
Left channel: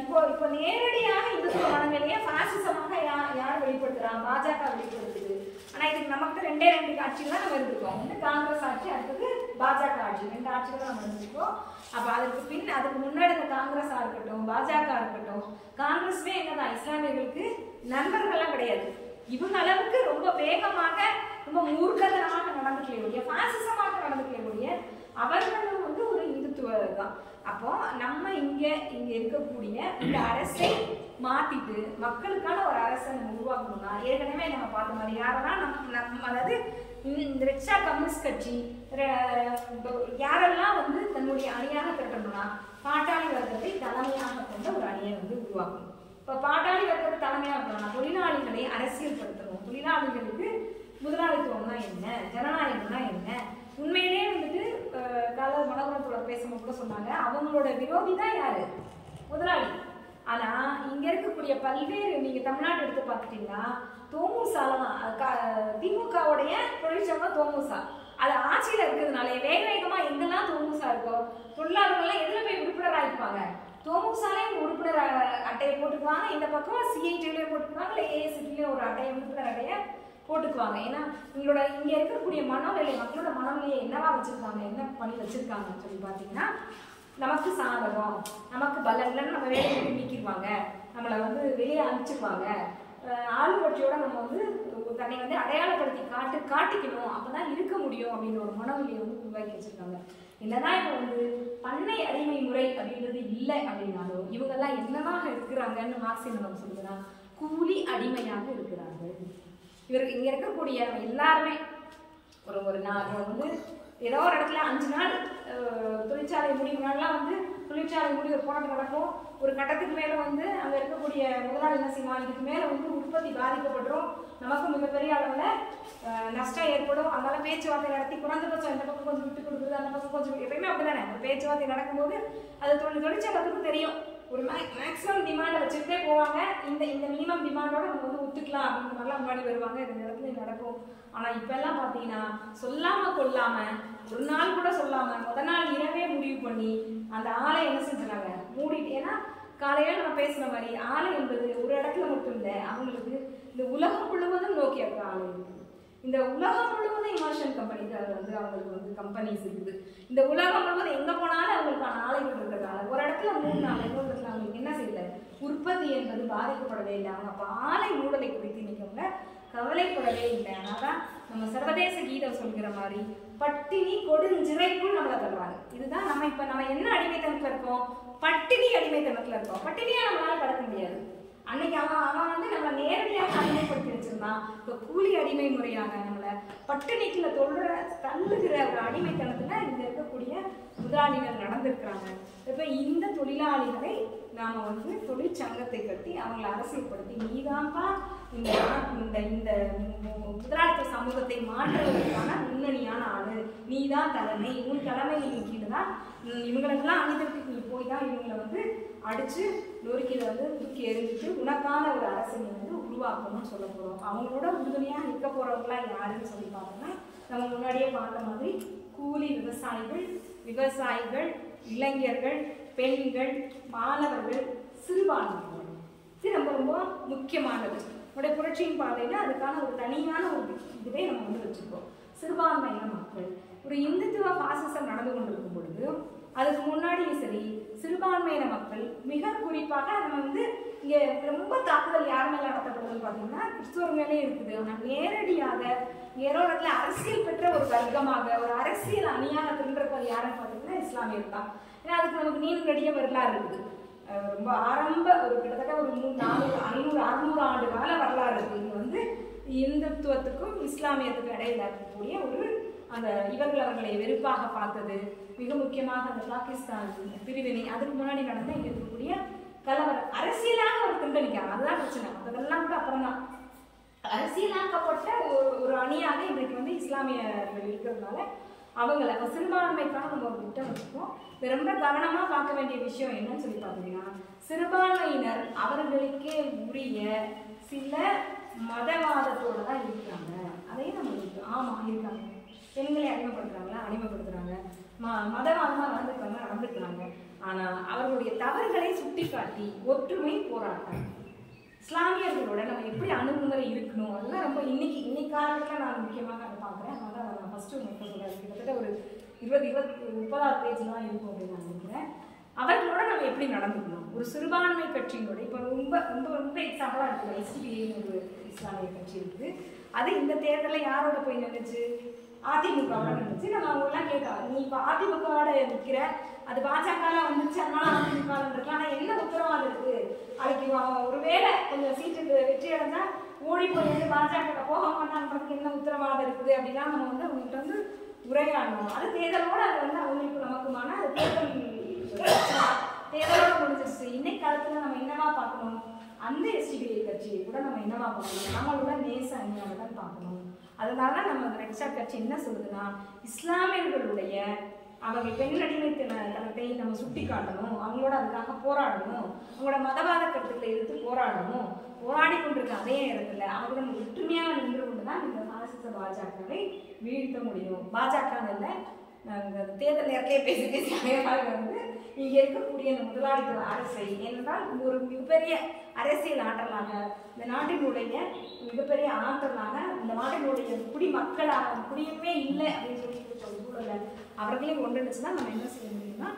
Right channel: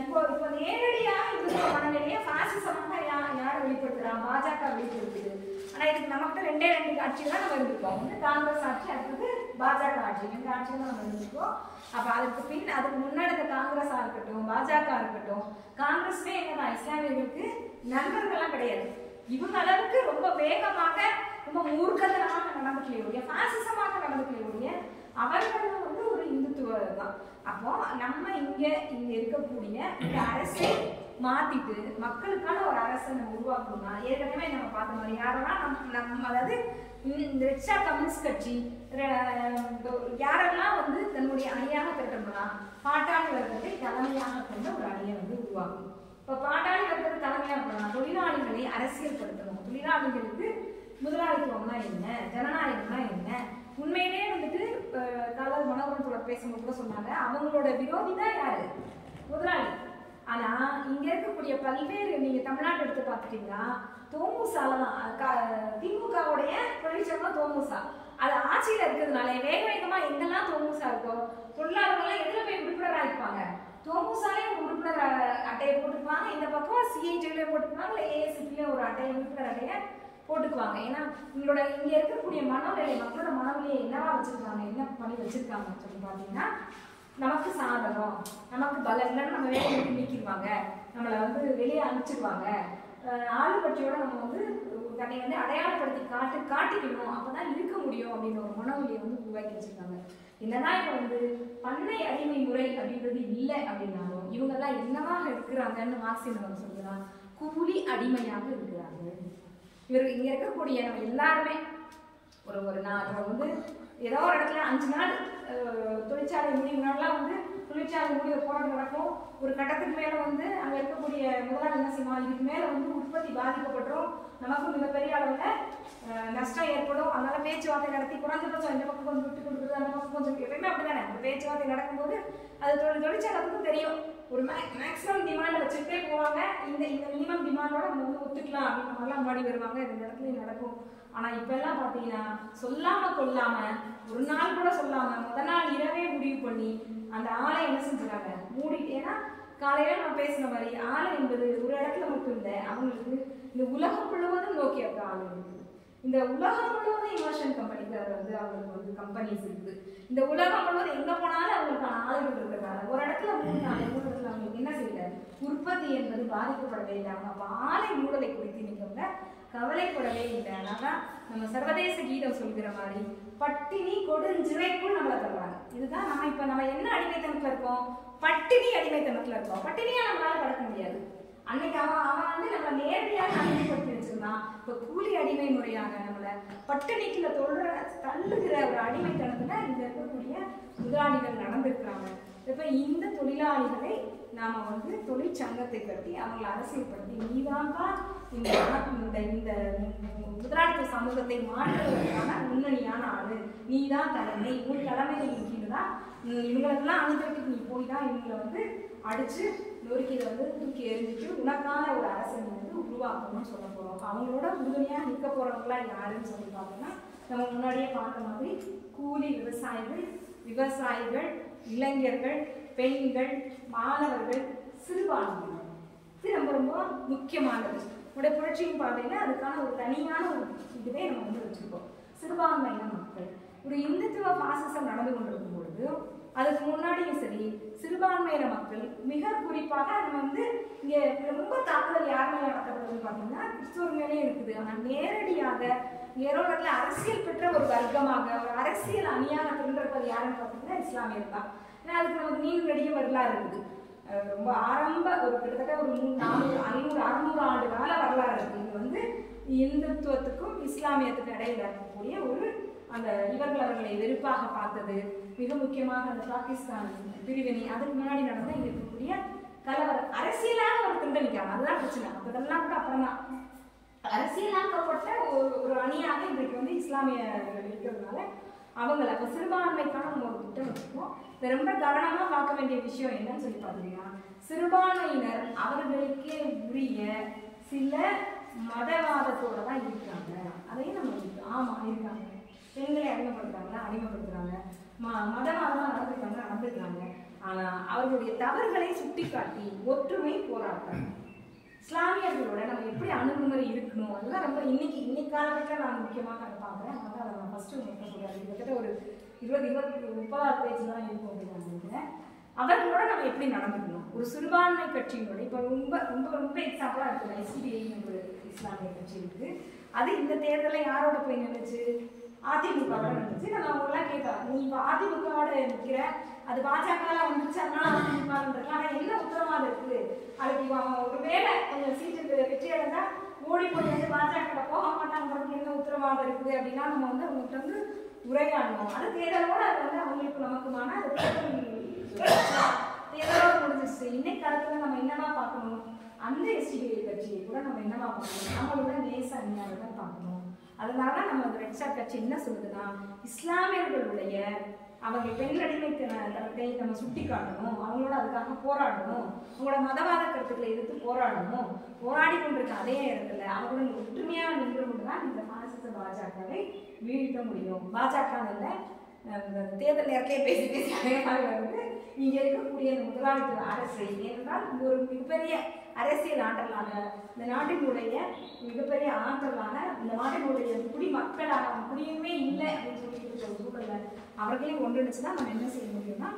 இப்போ நேரடியாக இந்துத்துவ மனநிலையை பாசிசமாக யார் வெளிப்படுத்துறாங்க, பாஜக வெளிப்படுத்துது. ஆனா இதுக்கு நம்மகிட்ட ரெண்டு ஆட்சியில் தான் நம்ம இருந்திருக்கோம். ஒன்று காங்கிரஸ் ஆட்சி, அடுத்தது பாஜக ஆட்சி, 2 ஆட்சிகளை நம்ம இருந்திருக்கோம். அப்போ அதுக்கு முன்னாடி இந்த காங்கிரஸா இருக்கட்டும், பாஜக இருக்கட்டும், காங்கிரஸுமே என்னதான் இஸ்லாமியர்களுக்கு நண்பர்கள்லாம் கிடையாது. இவங்க அளவுக்கு ரொம்ப வேகமாக ரொம்ப மூர்க்கத்தனமாக நடந்துக்கலையே ஒழிய, பாசிசமாக நடந்துக்கலையே ஒழிய, அவர்களும் வந்து ஒரு இந்துத்துவ தான். அப்போ நம்ம இங்க இருக்கக்கூடிய இந்த அரசை மாத்திட்டு மக்களுக்கான ஒரு அரசை நம்ம உருவாக்கணும்னா, ஏற்கனவே நம்ம பார்த்த மாதிரி யாரெல்லாம் நம்ம அதாவது இந்த ரெட்சா கம்யூனிஸ்ட் கட்சி யாரெல்லாம் வந்து தன்னுடைய அணியாக திரட்டணும்னா, பாட்டாளி வர்க்கத்தை தலைமையாக கொண்ட ஒரு அணியை வந்து உருவாக்கணும். இப்போ பாட்டாளி வர்க்கத்தை தலைமையாக இருக்கணும்னா தொழிலாளிகளை அரசியல் படுத்தணும். தொழிலாளிகளுக்கு முதலாளித்துவம்னா என்ன, ஜனநாயகம்னா என்ன, உண்மையிலேயே வந்துட்டு மனோகரத்தோட பேசும்போது கூட சொன்னாங்க, அவங்களோட விரோதி தான் யாரு, முதலாளி. ஆனா இங்க இருக்கக்கூடிய பல்வேறு, நீங்க தமிழ்நாடு எடுத்து பார்த்துட்டீங்கன்னா தோமுசால தான், திமுகவுடைய தொழிற்சங்கம் தோமுசா, அது ஆட்சியில இருக்கிறதுனால வேகமா எங்கெல்லாம் தோமுசா இருக்கோ தொழிலாளர்கள்லாம் எதுல போய் உறுப்பினராக இருப்பாங்க, தோமுசாலே ஒரு உறுப்பினர் அட்டையை போட்டுக்குவாங்க. இந்த பக்கம் சிஐடியிலே போட்டுக்குவாங்க, இல்லை ஏஎஸ்டிலே ஒரு உறுப்பினர் அட்டையை போட்டுக்குவாங்க. ஏன்னா இங்க இருக்கக்கூடிய மனோநிலை, மக்களோட மனநிலையை என்னவா வச்சிருக்காங்க, என்ன பண்ணி வச்சிருக்காங்கன்னு சொல்லி பார்த்தீங்கன்னா, நமக்கு சாதகம், நமக்கு பலம் இல்லைன்னு நம்ம வேலையை விட்டு நீக்கிடுவாங்க, நம்மளை வந்து வெளியே அனுப்பிச்சிடுவாங்க, ஆளுங்கட்சியோட நம்ம வந்து தன்னை வந்து அடையாளப்படுத்தி காட்டிக்கணும், அப்பதான் இருக்க முடியும் அப்படின்னு ஒரு மனநிலையை வந்து உருவாக்கி வச்சிருக்காங்க. என்னதான் இப்போ வந்து பண்ணை அடிமை முறை அப்படின்றது இல்லை அப்படின்னாலும் இவங்கெல்லாம் என்னவாக இருக்கிறாங்கன்னு மார்க்சியம் நமக்கு சொல்லுகிறான், கூலி அடிமையாக இருக்கிறார்கள். இவருக்கு இங்க இருக்கக்கூடிய நம்ம எல்லாருமே ஒரு நாள் வந்து ஏதோ ஒரு இடத்துல 5 நாள் தொழிற்சாலை முன்னாடிலாம் வந்து தொழிற்சாலை ஒரு போராட்டம் நடக்கும். ஒரு கட்டத்துக்கு மேலே வந்து அங்கே இருக்கக்கூடிய முதலாளி என்ன செய்வான், இதுக்கு மேலே வந்து உற்பத்தி பாதிக்கப்பட்டுரும், நமக்கும் மிகப்பெரிய அளவில் நஷ்டம் ஏற்படும், அதனால பேச்சுவார்த்தை நடத்தி குறைந்தபட்சம் இந்த பக்கம் கொஞ்சம் விட்டு கொடுக்குறது, அந்த பக்கம் கொஞ்சம், எப்பயுமே அப்படிதானே, ஒரு பேச்சுவார்த்தை நடக்கும்போது அது தொழிற்சங்கத்துக்கும் தெரியும், ஒரு மேக்ஸிமம் டிமாண்டை வச்சுக்கிட்டே போவாங்க, இந்த மினிமம் டிமாண்டோட நம்ம வந்து ஒத்துக்கலாம் அப்படின்ற மாதிரிலாம் முன்னாடி வருவாங்க, இந்த இடத்துல நடக்கும். ஆனால் இப்பெல்லாம் பார்த்தீங்கன்னா சொல்லாமல் கொள்ளாமல், ஒரு நாள் கூட சொல்லாமல் முதல் நாள் இரவே முடிவு பண்ணி அந்த ஆலை என்ன செஞ்சுறாங்க மூடிட்டு. ஏன்னா காலையில் நம்ம பேசுன மாதிரி ஆலை என்பது ஒரு இடத்துல மட்டும் இல்லை, அவங்களுக்கு இந்த உலகம் முழுவதும் நோக்கி இருக்க ஆலை இருக்குது. இந்த உலகம் முழுவதும் இமர்ஷன் கம்பெனிக்கு வந்து அவங்களுக்கு வந்து கம்பெனிஸ் இருக்குது. இந்த உலகம் முழுவதும் எங்கே போனாலும் அவங்களுக்கான ஆலைகள் இருக்கிறதால ஒரு இடத்துல 3 நாள் இன்னொரு இடத்துல அவங்களுக்கு என்ன செய்யல, உற்பத்தி என்பது பாதிக்கப்படவே இல்லை. அவங்க அப்போ ஆலை மூடலை குறித்து இன்னைக்கு அவங்க கவலைப்படவே இல்லை. ஆனால் நம்ம சர்வதேச கீதம் சொல்கிற மாதிரி பட்டினி கொடுஞ்சிறைக்குள் நம்மளை தள்ளுறாங்க. இதுதான் நம்ம என்ன அடிமைத்தனத்தில் இருக்கோம், பட்டினி அடிமைத்தனத்தில் இருக்கோம். பட்டினியாக நம்மளால படக்க முடியாது. அன்னைக்கு அவன் வந்து நம்மளை நேரடியாக அடிமைப்படுத்தி வச்சிருந்தான். இப்போ கூலி அடிமை முறையாக நம்மளை பட்டினிக்குள்ள தள்ளுகிற ஒரு அடிமைத்தனத்துல இங்க இருக்கக்கூடிய முதலாளிகள் நடந்திருக்கிறாங்க. இப்போ இந்த தொழிலாளிகளை நாம வந்து தொழிற்சங்கத்தை கட்டி அவங்களை அரசியல்படுத்தி, நீதான்ப்பா இந்த முதலாளித்துவ சமூகத்தை மாற்றுவதற்கான முன்னணியான ஆளு, நீதான் தலைமை, உன் தலைமையின் கீழே தான் இவங்களெல்லாம் அணிதிரட்டி நீ போய் தான் இவங்களை வந்து அடிச்சு நொறுக்கில வந்து தூக்கி எறிஞ்சிட்டு உனக்கான ஒரு அரசை நீ வந்து உருவாக்கணும்னு சொல்ல போறோம். அவங்களோட உறுதுணையாக நிற்க போறவங்களாம் யாருன்னு சொல்லி பார்த்தோம்னா, நம்ம முன்னாடியே பார்த்த மாதிரி கூலி விவசாயிகள், இளைஞர்கள், பெண்கள், மாணவர்கள், சிறுபான்மையினர். இது ரொம்ப ரொம்ப முக்கியமானது. நம்முடைய புரட்சியின் பாதையில் அதுக்கான ஒரு தனியான ஒரு இதுவே நம்ம வந்து வச்சுருக்கோம். சிறுபான்மையின மக்கள் ஒரு இந்துத்துவ பாசிசம் நடந்து கொண்டிருக்கும் பொழுது அதுக்கு முன்னாடியும் சரி, சிறுபான்மையின மக்கள் மிக குறிப்பாக நம்ம வந்து இங்கே ரொம்ப தாக்குதல் யார் மேலே நடத்தப்படுதுன்னு பார்த்தீங்கன்னா கிறிஸ்துவர் மேலே இருக்குது. ஆனால் நேரடியாக ஏரோடத்துல அரசியல் பெற்ற ஒரு வர்க்கமாக, ஒரு அரசியல் அணியாக திருந்திருப்பது யாருன்னு பார்த்தீங்கன்னா இஸ்லாமியர் தான். ஏன்னா அதுக்கு நமக்கு நீண்ட வரலாறு இருக்குது. ரொம்ப ஆரம்ப ஒரு கிட்டத்தட்ட ஒரு 300, 400, 600 ஆண்டு கால வரலாறு இருக்குது. இது வந்து இந்துத்துவத்துக்கும் இஸ்லாமியத்துக்கும் இடையில இருக்கக்கூடிய ஒரு அந்த அவர்களை வெறுப்பாக பார்த்தது, மிக முக்கியமாக அந்த பாகிஸ்தான் பிரிவினை, அதுக்கு முன்னாடி நடந்த இங்கே இருக்கக்கூடிய கலவரம், அரசியலாக ஒரு திண்டளிக்காம, அதுதான் பிரச்சனை. அதெல்லாம் கூட அப்புறம் தான் அரசியலாக்கப்பட்ட ஒரு அணியாக இன்றைக்கு வந்து இஸ்லாமியர்கள் இருக்கிறதுனால அவங்கள இப்போ சிறுபான்மைக்கான நம்ம ஒரு திட்டம் வச்சுருக்கோம். இது ரொம்ப கவனமாக பார்க்க வேண்டிய விஷயம் என்னன்னு சொல்லி பார்த்தீங்கன்னா, சிறுபான்மையினர் அவர்களுக்கே உரிய சில மதவாதத்தோடு தான் இருக்கிறாங்க. அதையும் நம்ம ஆமாம் இருக்காங்க. பெண்களை அடிமைப்படுத்துகிறாங்க, மதவாதமாக நடந்துக்கிறாங்க. ஆனால் அவர்களுடைய தவறுகளை சுட்டி காட்டி ஒற்றுமை போராட்டம், இஸ்லாமியர்களோட நம்ம எப்படி அணுகுமுறை இருக்கணும், அதெல்லாம் ரொம்ப இன்னைக்கு காலகட்டத்தில் நான் முக்கியமாக அதை பார்க்குறேன். அதனால அதை நான் ஃபஸ்ட்டு உங்கள்கிட்ட சொல்கிறேன். கிட்டத்தட்ட ஒரு 30வது பேஜில் தான் இருக்கும் அப்படின்னு நான் நினைக்கிறேன். அவர்களோட நம்ம எப்படி நடந்துக்கணும், ஒரு சிறுபான்மை கட்சியினோட இப்போ ரொம்ப ரொம்ப ரொம்ப எக்ஸாம்பிளாக இருக்குது. எஸ்டிபிஐன்னு ஒரு இஸ்லாமிய கட்சி இருக்குது. அது இந்த தேர்தலில் யாரோட போய் நின்றுச்சு, அதிமுகவோட நின்றுச்சு. நம்ம அவங்களாம் கேட்டோம், நீ இப்போ அதிமுகவோட நிற்கிற, அது பாஜகலாம் வந்துருச்சு அதனால அதிமுகன்றிருக்கலாம், ஆனால் என்ன உத்தரவாதம் இருக்குது, அதுக்கு ஒரு வேளை கொஞ்சம் சீட்டு வெற்றி அடைந்தால் ஓடி போய் வந்து பாஜக போக மாட்டாங்கிறதுக்கு என்ன உத்தரவாதம் இருக்குது அப்படிலாம் நம்ம வந்து அவங்ககிட்ட வந்து உரையாடணும். அது தேர்தலோடு அது வந்து அவங்களுக்கு நமக்குமான அது தேர்தலோடு முடிஞ்சிருச்சு. இன்னைக்கு காலத்தில் நம்ம என்னவா பார்க்கணும், அந்த எஸ்டிபிஐ கட்சியை கூட நம்ம என்னவா பார்க்கணும், நம்மளோட நேச அந்நியாவை தான் பார்க்கணும். அதனால நம்ம அந்த ரெட் ஸ்டார் கட்சி என்ன சொல்லுதுன்னா, இஸ்லாமியர்களுடைய அவர்கள் பெண் அடிமைத்தனத்தை நம்ம சுட்டி காட்டணும், அவங்களோட அதுக்காக போராடணும், அவங்களோட மதவாத கருத்துக்களை எதிர்த்து போராடணும். போராடி கொண்டிருக்க அதே நேரத்தில் அவர்களுடன் ஒற்றுமையாக நின்று கொண்டு தான் இந்த பாசிச பாஜகவை வீழ்த்த முடியும். பாஜகன்னு இல்லை, தேர்தல் நேரத்திலே பேசி பேசி அனைவராக வந்து இங்கே இருக்கக்கூடிய இந்த முதலாளித்துவ அரசை, ஏனென்றால் ஒரு மிகப்பெரிய அரசியல் ஆற்றலாக, இந்த நாட்டினுடைய மிகப்பெரிய ஆற்றலாக, இந்த நாட்டினுடைய குடிமக்களாக, குடியுமே இல்லை அப்படின்னு சொல்லிட்டு இருக்க ஒரு சூழலில் அவர்களையும் ஒன்றிணைச்சு தான் நம்ம என்ன செய்ய முடியும்னா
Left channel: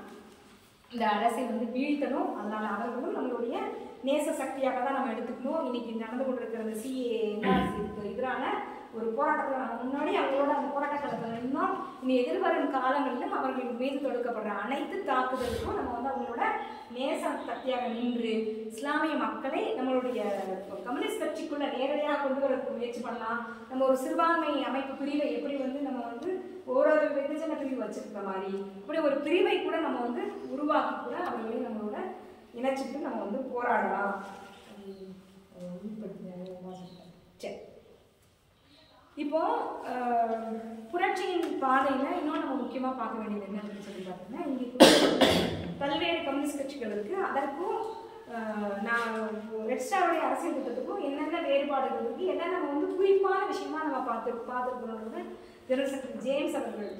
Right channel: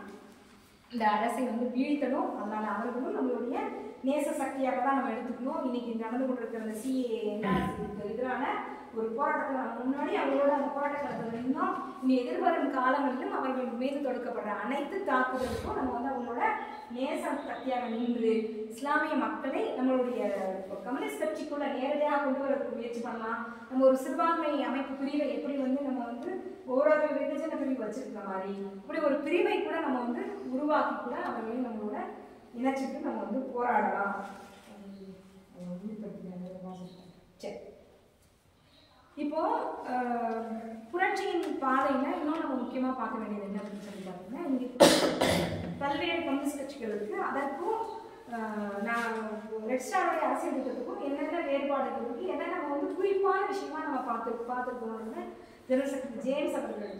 இந்த அரசை வந்து வீழ்த்தணும். அதனால் அவர்களும் நம்மளுடைய நேச சக்தியாக தான் நம்ம எடுத்துக்கணும். இன்னைக்கு நடந்து கொண்டிருக்கிற இந்த சிஏ எதிரான ஒரு போராட்டத்தில் நம்ம முன்னாடி அவங்களோட அந்த போராட்ட காலத்தில் இன்னும் இனி எதிர்வரும் காலங்களிலும் அவர்கள் மீது தொடுக்கப்படுற அனைத்து தாக்குதலுக்கும் நம்ம வந்து அவங்களோட நேச சக்தியாக நின்று இஸ்லாமிய மக்களை நம்மளுடைய கம்யூனிஸ்ட் கட்சிக்குள்ள நேரடியாக கொண்டு வரதுக்கு முயற்சி பண்ணலாம். நம்ம ஒரு சிறுபான்மை அமைப்பு பிரிவை எப்படி வந்து நம்ம வந்து ஒரு வெகுஜன பிரிவு வச்சிருக்கிற மாதிரி இப்படி ஒரு பிரிவை கூட நம்ம வந்து உருவாக்கி கூட அவர்களை நம்மளோட இணைச்சிட்டு நம்ம வந்து போராடலாம். சரி, இப்போ புரட்சியின் பாதையில் இன்னும் நம்ம முக்கியமாக பார்க்க வேண்டியது என்ன அப்படின்னு சொல்லி பார்த்தீங்கன்னா, இங்கே பல்வேறு கம்யூனிஸ்ட் கட்சிகள் இருக்குது. அதற்கும் நான் ரெட் ஸ்டாருடைய அரசியல் திட்டத்துக்கும் என்னென்ன வேறுபாடுகள் இருக்குது, என்ன நம்ம வந்து குறிப்பான விஷயமா நம்ம பார்த்துருக்கணும்னு ஜெனரல் செக்ரட்டரி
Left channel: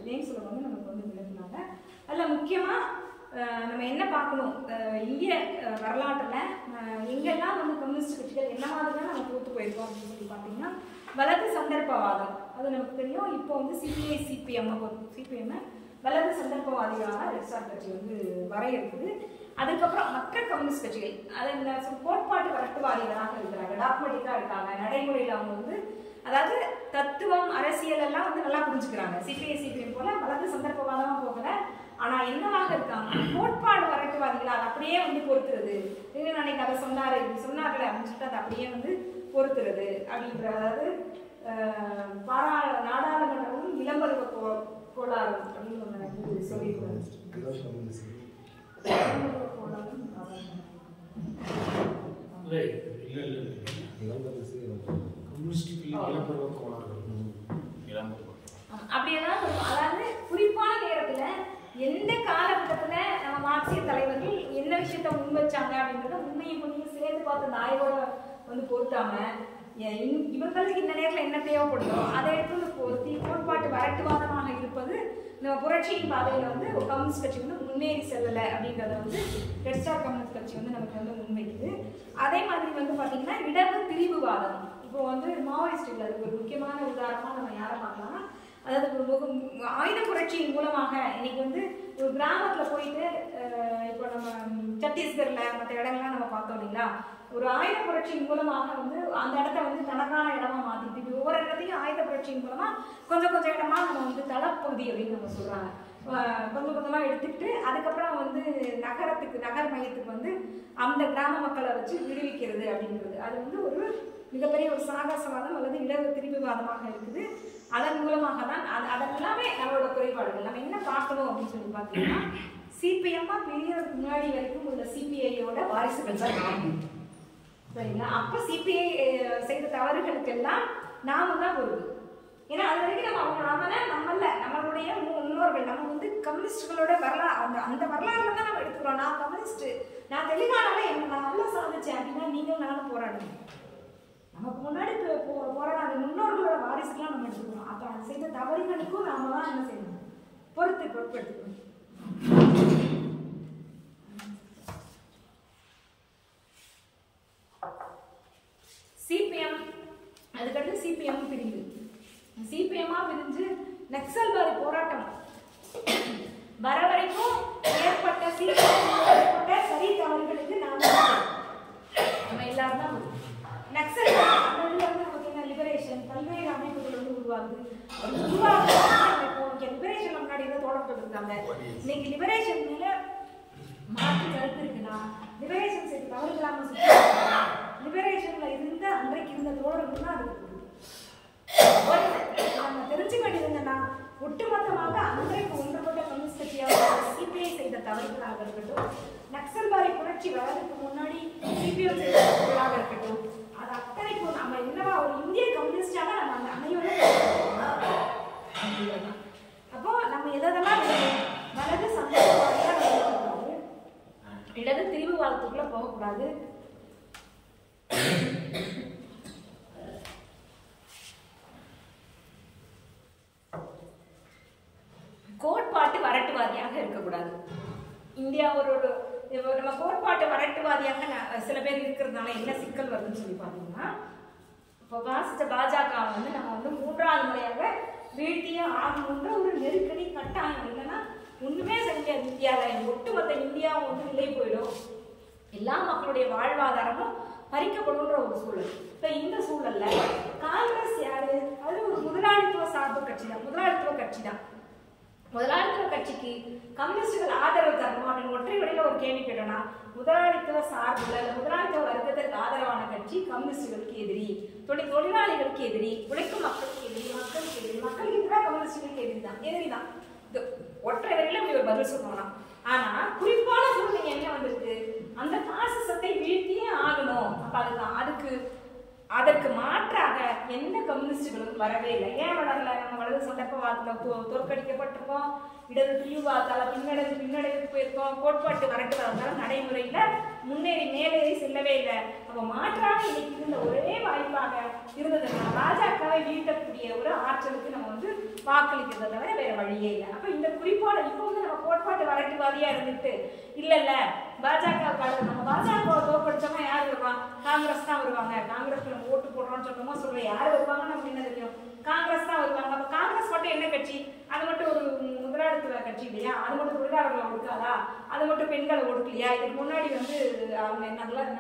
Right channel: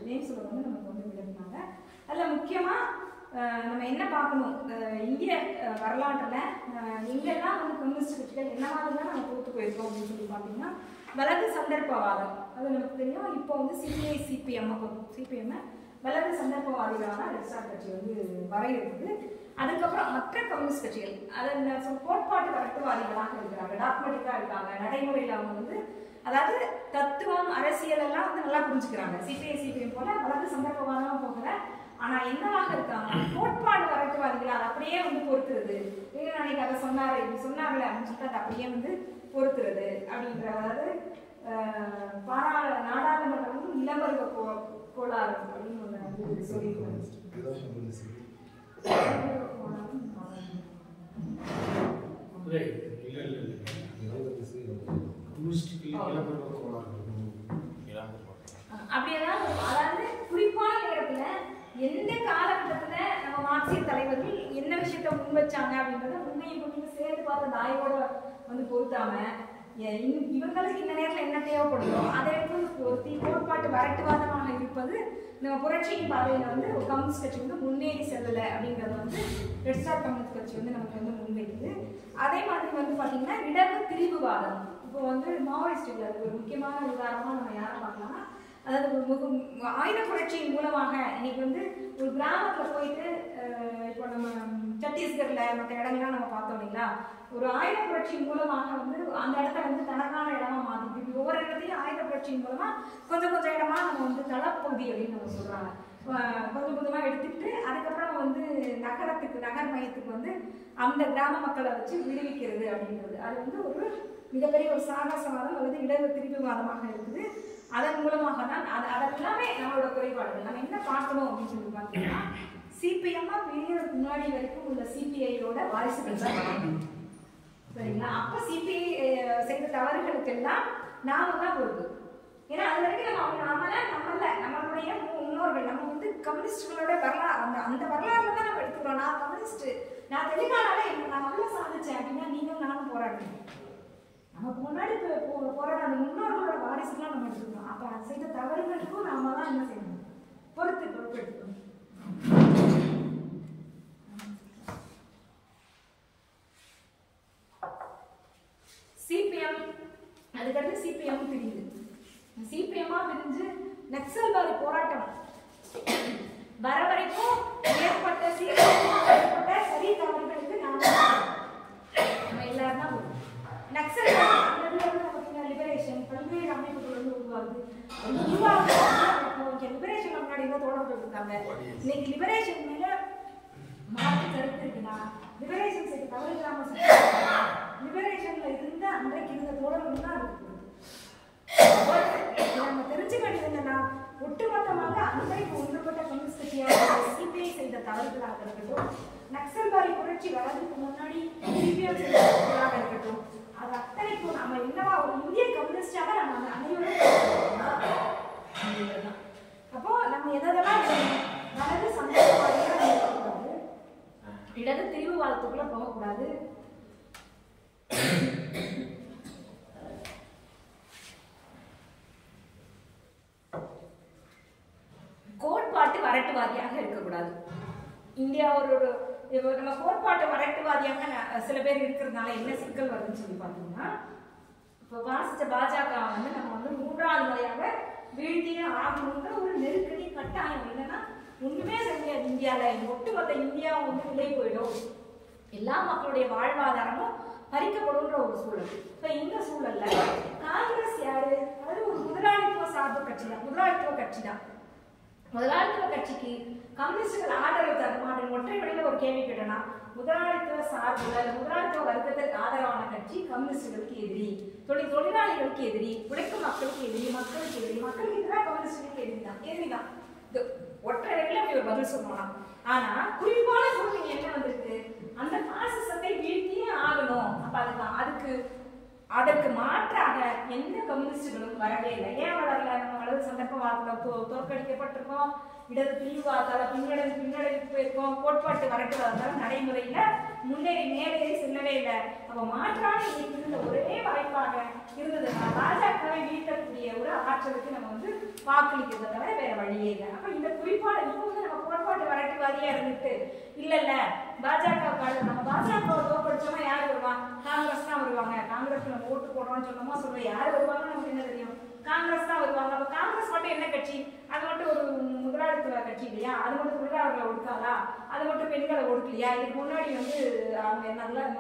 ஜேம்ஸ் வந்து நமக்கு வந்து விளக்குனாங்க. அதில் முக்கியமாக நம்ம என்ன பார்க்கணும், இந்திய வரலாற்றில் எங்கெல்லாம் வந்து கம்யூனிஸ்ட் கட்சிகள் என்ன மாதிரிலாம் நம்ம தோற்று போயிருக்கோம் அப்படின்னு சொல்லி பார்த்தீங்கன்னா, வலது சந்தர்ப்பவாதம் அது நமக்கு தெரியும். இப்போ வந்து சிபிஎம் வலது சந்தர்ப்பவாதிகளாக ரெட் ஸ்டார் கட்சி வந்து வரையறுக்குது. அதுக்கப்புறம் மற்ற கம்யூனிஸ்ட் கட்சிகள் அதை இந்த கோட்பாட்டு வரட்டுவாதிகளாக இருக்கிறாங்க, டாக்மெட்டிக்காக இருக்காங்க, நடைமுறையில் அவங்க வந்து அதாவது தத்துவம் அரசியல் எல்லாம் வந்து நல்லா புரிஞ்சுக்கிறாங்க. சிபிஎம் போல வலது சந்தர்ப்பவாதமாக போகல, ஆனால் என்னவாக இருக்காங்க, கோட்பாடு வரட்டுவாதிகள் அதை அப்படியே வந்து பொறுத்துறது. அன்னைக்கு அதை சொன்னார் இப்படி சொன்னார்ல அப்படின்னு சொல்லிட்டு அதை அப்படியே வந்து பொறுத்துறது அப்படின்ற, அதாவது நாடாளுமன்றமும் இளம்பருவ கோளாறு அப்படின்னு ஒன்று சொல்லியிருக்காங்க. அப்படி ஏதாவது அதாவது குறிப்பான நேரத்தில் எந்த காலகட்டத்தில் நம்ம மார்க்சிய தலைவர்கள் என்ன விஷயத்த முன் வச்சாங்க அப்படின்றத முன்னையும் பொண்ணையும் சேர்த்து பார்த்து அந்த ஆய்வோட வந்து பொருத்தாம இவங்களுக்கு இந்த நேரத்தில் என்ன தேவைப்படுதோ அதை எடுத்து வந்து பொருத்தி கோட்பாட்டு வரட்டுவாதமாக இருப்பது நம்ம புரட்சியின் பாதையில் வந்து ஒரு கம்யூனிஸ்ட் கட்சி வந்து முன்னேறி செல்லலை அப்படின்றத வந்து ரெட் ஸ்டார் கம்யூனிஸ்ட் கட்சி வந்து நமக்கு வந்து முன்வைக்குது. அதே மாதிரி வந்து பார்த்திங்கன்னா இடது திரிபுவாதம், இப்போ வந்து மாவோயிஸ்டுகள் அதுக்கு ஒரு முக்கியமான உதாரணமாக நம்ம யாரை பார்க்கலாம்னா, அதாவது ஆயுத புரட்சியின் மூலமாக இன்னைக்கு வந்து ஒரு கிராமத்தில் போயிட்டு இப்போ நம்ம சத்தீஸ்கரில் மற்ற இடங்கள்லாம் நம்ம பார்த்தோம் இல்லைங்களா, ஒரு ஆயுத புரட்சியின் மூலமாக வந்து அந்த இடத்த வந்து தனக்கான இடமா மாற்றிட்டு இப்படி ஒவ்வொரு இடத்தையும் ஆயுத புரட்சியின் மூலமாக கொஞ்சம் இடமா நம்ம வந்து தளப்பகுதி அப்படின்னு நம்ம சொல்கிறாங்க, கொஞ்சம் கொஞ்சமாக எடுத்துக்கிட்டு அதுக்கப்புறம் வந்து நகர் மையத்துக்கு வந்து அந்த கிராம மக்களை வச்சு விடுவிக்கிறது அப்படின்றது அது வந்து ஒரு மிகப்பெரிய ஒரு சாகசவாதம் அல்லது இடது திரிபுவாதமாக இருக்குது. அதன் மூலமாக தான் அதெல்லாமே நம்மளோட குறைபாடுகள். நம்ம என்ன பார்க்கணும் அப்படின்னு சொல்லி பார்த்தீங்கன்னா, சிபிஎம்மா பிரியறதுக்கு முன்னாடி வரைக்கும் உள்ள சிபிஐயோட வாரிசுகள் தான் சரிங்களா. அப்போ சிபிஐ செய்த தவறுகளுக்கெல்லாம் நாம தான் பொறுப்பு. ஏன்னா அது வரைக்கும் நம்மளுடைய முன்னோர்கள் நம்ம வந்து கம்யூனிஸ்டுகளோட வரலாறு அந்த வரலாறுல தான் நம்ம எடுத்துக்கிறோம். நான் கம்யூனிஸ்ட், நான் தெளிவானால நான் நல்லா சாதிச்சேன் அப்படின்னா நீங்களும் நானும் போராடணும். நமக்கு முன்னாடி போராட அந்த முன்னோர்களோட வாரிசுலாம் நம்ம எடுத்துக்கிறோம். அப்போ அது செய்த தவறுகளுக்கும் நாம தான் என்ன செய்யணும், பொறுப்பெடுத்துக்கணும். சிபிஎம் அதுக்கடுத்து சிபிஎம் பிரியுது. சிபிஎம்மா பிரிஞ்சு நக்சல்வாதி போராட்டம் லிபரேஷன் முன்னாடி தான் தோழர்கள் இருந்தாங்க. இன்னைக்கு லிபரேஷன் மேல மாற்று கருத்து இருக்குன்னா லிபரேஷன் செய்து தவறுகளாம லிபரேஷன்ல இருந்த அன்றைக்கு இருந்த தோழர்கள் தான் அதுக்கு நம்ம தெரிஞ்சுக்க வேண்டியது என்னன்னா, ஒட்டுமொத்தமாக அன்றைக்கு ஒன்றுபட்ட கம்யூனிஸ்ட் கட்சியாக சிபிஐ செய்த தவறுகளாக இருக்கட்டும், நக்சல்பாரி புரட்சி வர்றதுக்கு முன்னாடி சிபிஎம் செய்த தவறுகளாக இருக்கட்டும், அது அத்தனைக்கும் நம்ம என்னவா ஒரு இந்திய கம்யூனிஸ்டாக நம்ம அந்த அனைவரும் அப்போ நம்ம எதெல்லாம் வலது சந்தேகவாதியா நம்ம இருக்கக்கூடாது, இடது திரிவுவாதத்துக்குள்ள போகக்கூடாது. கோட்பாட்டு வரட்டுவாதியாக இருக்கக்கூடாது. இந்தியா ஒரு நம்ம கோட்பாட்டு வரட்டுவாதியாக சில பேர் இருக்கிறதுனால என்ன சிக்கல் வருதுன்னு சொல்லி பார்த்தீங்கன்னா, இப்போ பாஜக வந்து நம்ம வந்து 3வது முறையாக வீழ்த்தியே ஆகணுன்ற ஒரு நெருக்கடி கட்டாயம். இல்லைன்னா ஒண்ணுமே செஞ்சாது. இந்தியாவில் ஒட்டுமொத்த இந்தியாவும் வந்து நிலை போயிடும், எல்லா மக்களுடைய வாழ்வாதாரமும் பறிக்கப்படும்ன்ற ஒரு சூழல். இப்போ இந்த சூழல்ல காங்கிரஸ் யாரு? அது ஒரு முதலாளித்துவ சார்பு கட்சி தான், முதலாளித்துவ கட்சி தான். முதலாளித்துவ கட்சிக்கு கம்யூனிஸ்டுகள் ஆதரவு தரணும் அப்படின்னு ஒற்றை வழியில ஒரு கேள்வி கேட்டோம்னா, முதலாளித்துவ சார்புள்ள முதலாளித்துவ வர்க்கத்திற்கு ஆதரவான கட்சி கம்யூனிஸ்டுகளுக்கு எதிரி, தொழிலாளிகளுக்கு எதிரி, உழைக்கும் மக்களுக்கு எதிரி, மக்களுக்கு எதிராக கம்யூனிஸ்டுகளுக்கு எதிரிதான். ஒற்றை வரையில அப்படி ஒரு பதில் சொல்லணும். ஆனா குறிப்பான சூழ்நிலை என்ன வந்திருக்கு, அந்த பாசிசத்தை வீழ்த்தியே ஆகணும். அப்ப அதற்கு மாற்றாக எந்த கம்யூனிஸ்டுகளும் வரவே இல்லை. ஏன் வளரல? நம்ம வலது சந்தர்ப்பவாதத்துல தோற்கடிக்கப்பட்டிருக்கோம், இடது பிரிவுவாதால பின்னடைவுக்கு போயிருக்கோம், கோட்பாட்டு வரட்டுவாதால நடைமுறையில முன்னேறி மேலேறி செல்லவே இல்லை. அப்ப மாற்றாக இன்னைக்கு இருந்த ஒரே வாய்ப்பாக இருந்ததுன்னா பாஜகவை வீழ்த்தக்கூடிய ஒரு ஆற்றலுக்கு நம்ம வந்து வாக்களிக்கிறத தவிர வேற வழியே இல்லை. அப்ப இந்த குறிப்பான இப்போ வந்து நம்ம கோட்பாட்டு வரட்டுவாதியா இருந்துட்டு இல்ல பாஜகவுக்காக நம்ம பாஜகவை தோற்கடிச்சோம்னா யாரு வருவாங்க? காங்கிரஸ் தான் வருவாங்க. காங்கிரஸ் நம்ம ஓட்டு போடுறோம்னு சொன்னோமோ சொல்றோம், யாரு வருவாங்க நமக்கு என்ன தெரியும்? காங்கிரஸ் தான் வருவாங்க. அப்ப காங்கிரஸ் மட்டும் என்ன கட்சி? அது மட்டும் ஒரு முதலாளித்துவ கட்சி இல்லையா? அது மட்டும் தொழிலாளர்களை ஒடுக்காதா? அது மட்டும் பெண்களை ஒடுக்கலையா? இதுக்கு முன்னாடி வந்து அவங்க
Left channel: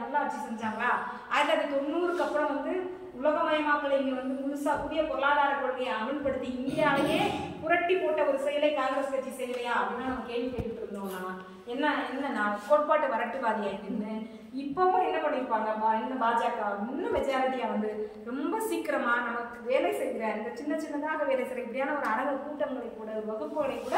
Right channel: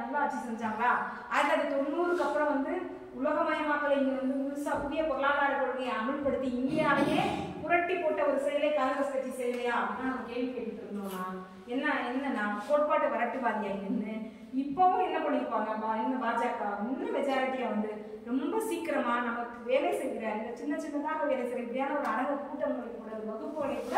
நல்லாட்சி செஞ்சாங்களா? 1990க்கு அப்புறம் வந்து உலகமயமாக்கலை இங்க வந்து முழுசா புதிய பொருளாதார கொள்கையை அமல்படுத்தி இந்தியாவிலேயே புரட்டி போட்ட ஒரு செயலை காங்கிரஸ் கட்சி செய்யலையா அப்படின்னா நம்ம கேள்வி கேட்டுட்டு இருந்தோம்னா என்னன்னா கோட்பாட்டு வரட்டுவாதியா நின்று இப்பவும் என்ன பண்ணிருப்பாங்க? இன்னும் பாஜக இன்னும் மெஜாரிட்டியா வந்து ரொம்ப சீக்கிரமா நமக்கு வேலை செய்கிற இந்த சின்னதாக வேலை செய்கிற இப்படியான ஒரு அரங்க கூட்டங்களை கூட ஒரு வகுப்புகளை கூட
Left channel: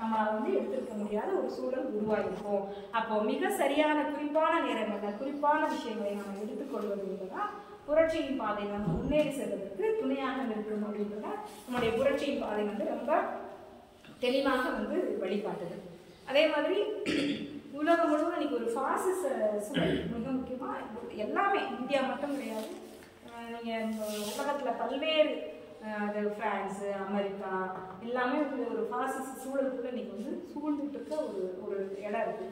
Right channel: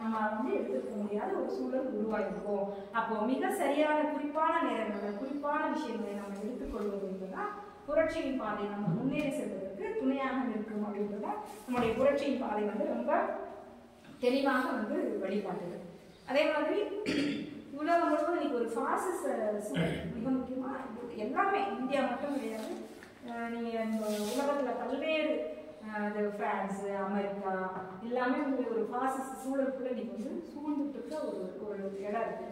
நம்ம வந்து எடுத்திருக்க முடியாத ஒரு சூழல் உருவாயிருக்கும். அப்போ மிக சரியான குறிப்பான நேரங்களில் குறிப்பான விஷயங்களை நம்ம எடுத்துக்கொள்வது என்பதால் புரட்சியின் பாதை நம்ம முன்னேறி செல்வதற்கு துணையாக இருக்கும் அப்படின்றத நம்முடைய புரட்சியின் பாதை வந்து ரொம்ப தெளிவாக வந்து வழிகாட்டுது. அதே மாதிரி உலகம் முழுவதும் இன்னைக்கு ஒரு பாசிச சூழல் மிக முக்கியமா எல்லாமே இந்தியா மட்டும் கிடையாது. நீங்க இந்த உலகத்துல பல்வேறு அது பிரான்ஸு அமெரிக்கா எல்லாமே வந்து ஒரு பாசிச சூழலுக்குள்ள இன்னைக்கு வந்து சூழ்ந்துட்டு இருக்க ஒரு இடம் இருக்கு.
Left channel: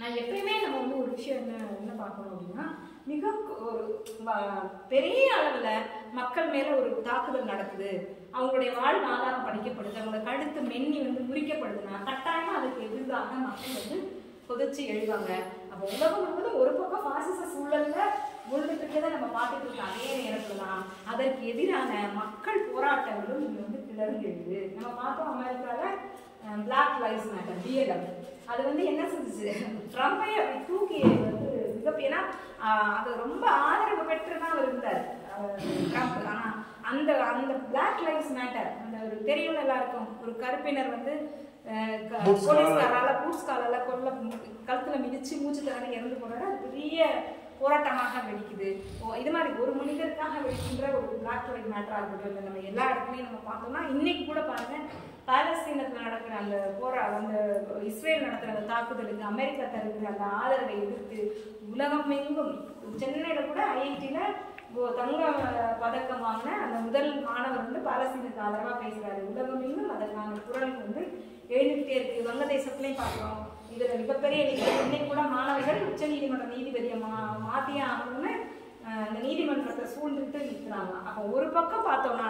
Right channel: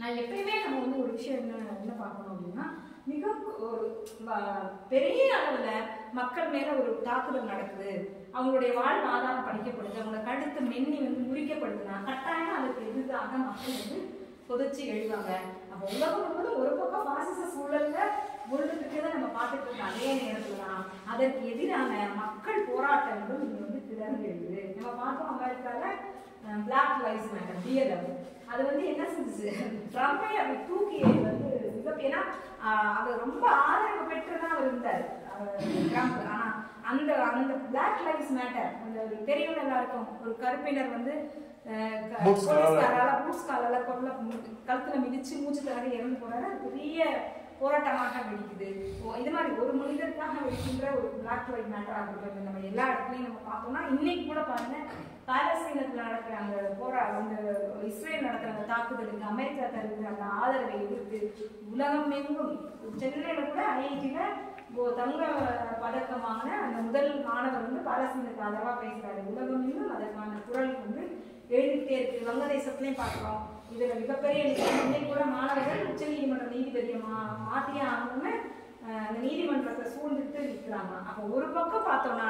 நான் எப்பயுமே நம்ம வந்து ஒரு விஷயம் என்ன பார்க்கணும் அப்படின்னா, மிக ஒரு பெரிய அளவில் மக்கள் மேலே ஒரு தாக்குதல் நடக்குது, அவங்களுடைய வாழ்வாதாரம் பறிக்கப்படுது, அவங்களோட கழுத்து மென்னி வந்து முறிக்கப்படுதுன்னா கட்டாயமாக அதுக்கு எதிராக மக்கள் வந்து கொதிச்சு எழுவாங்க. அப்போ உலகம் முழுவதும் ஒரு பக்கம் பாசிச சூழலில் விழுந்துட்டு நம்ம பார்த்துட்டு இருக்கோம். அதே நேரத்தில் தான் அதற்கு எதிரான மக்கள் போராட்டங்களும் இங்கே வந்து கிளர்ந்தெழுது. நம்ம பார்த்தோம் அமெரிக்காவில் பிளாக் லைவ்ஸ் மேட்டர் BLM அது வந்து என்ன செஞ்சுச்சு, ட்ரம்பை அப்படி தூக்கி வந்து ஏன்னா அது ரொம்ப ஆதரவு பெற்றுதான் அவர் இருந்தார் ட்ரம்ப். ஆனால் அந்த பிளாக் லைவ்ஸ் மேட்டர் அந்த ஒரு தெரியும் எல்லாருக்கும், ஒரு கருப்பினர் வந்து போலீஸ்காரால பூட்ஸ்காலால கழுத்துல மிதிச்சு மூச்சு திணறி இறந்து போறாரு. அது பெரிய போராட்டமாக வெடிக்குது. இது மாதிரி ஒரு மனிதருக்காக வெடிக்கின்ற ஒரு பிளாக் லைவ் மேட்டரா இருக்கட்டும், இல்லை நம்ம எல்லா இடத்துலையும் நம்ம பார்த்தோம்னா இன்னைக்கு கூட பாருங்க பாலஸ்தீனத்தில் நடக்கிற அந்த இஸ்ரேல் நடத்துகிற அந்த தாக்குதலுக்கு அமெரிக்கா தருகிற அந்த ஆதரவை எதிர்த்து உலகம் எங்கும் சென்னையில கூட IITல தங்க பதக்கம் வாங்கின அந்த முதல் மாணவர் வந்து பாலஸ்தீனுக்கு ஆதரவா பேசுறாரு. உலகம் எங்கும் அதற்கான குரல் வந்து எழுதிக்கிட்டே இருக்கு. வங்கதேசத்துலையும் பார்க்குறோம். இதுல மிகப்பெரிய இன்னைக்கு கூட மாணவர்கள் உச்ச நீதிமன்ற நீதிபதியை மாத்தியே ஆகணும்னு இந்த நீதிமன்றத்தை சூழ்ந்துட்டு இருக்கிறாங்க. அப்போ ஒரு பக்கம் பார்த்தோம்னா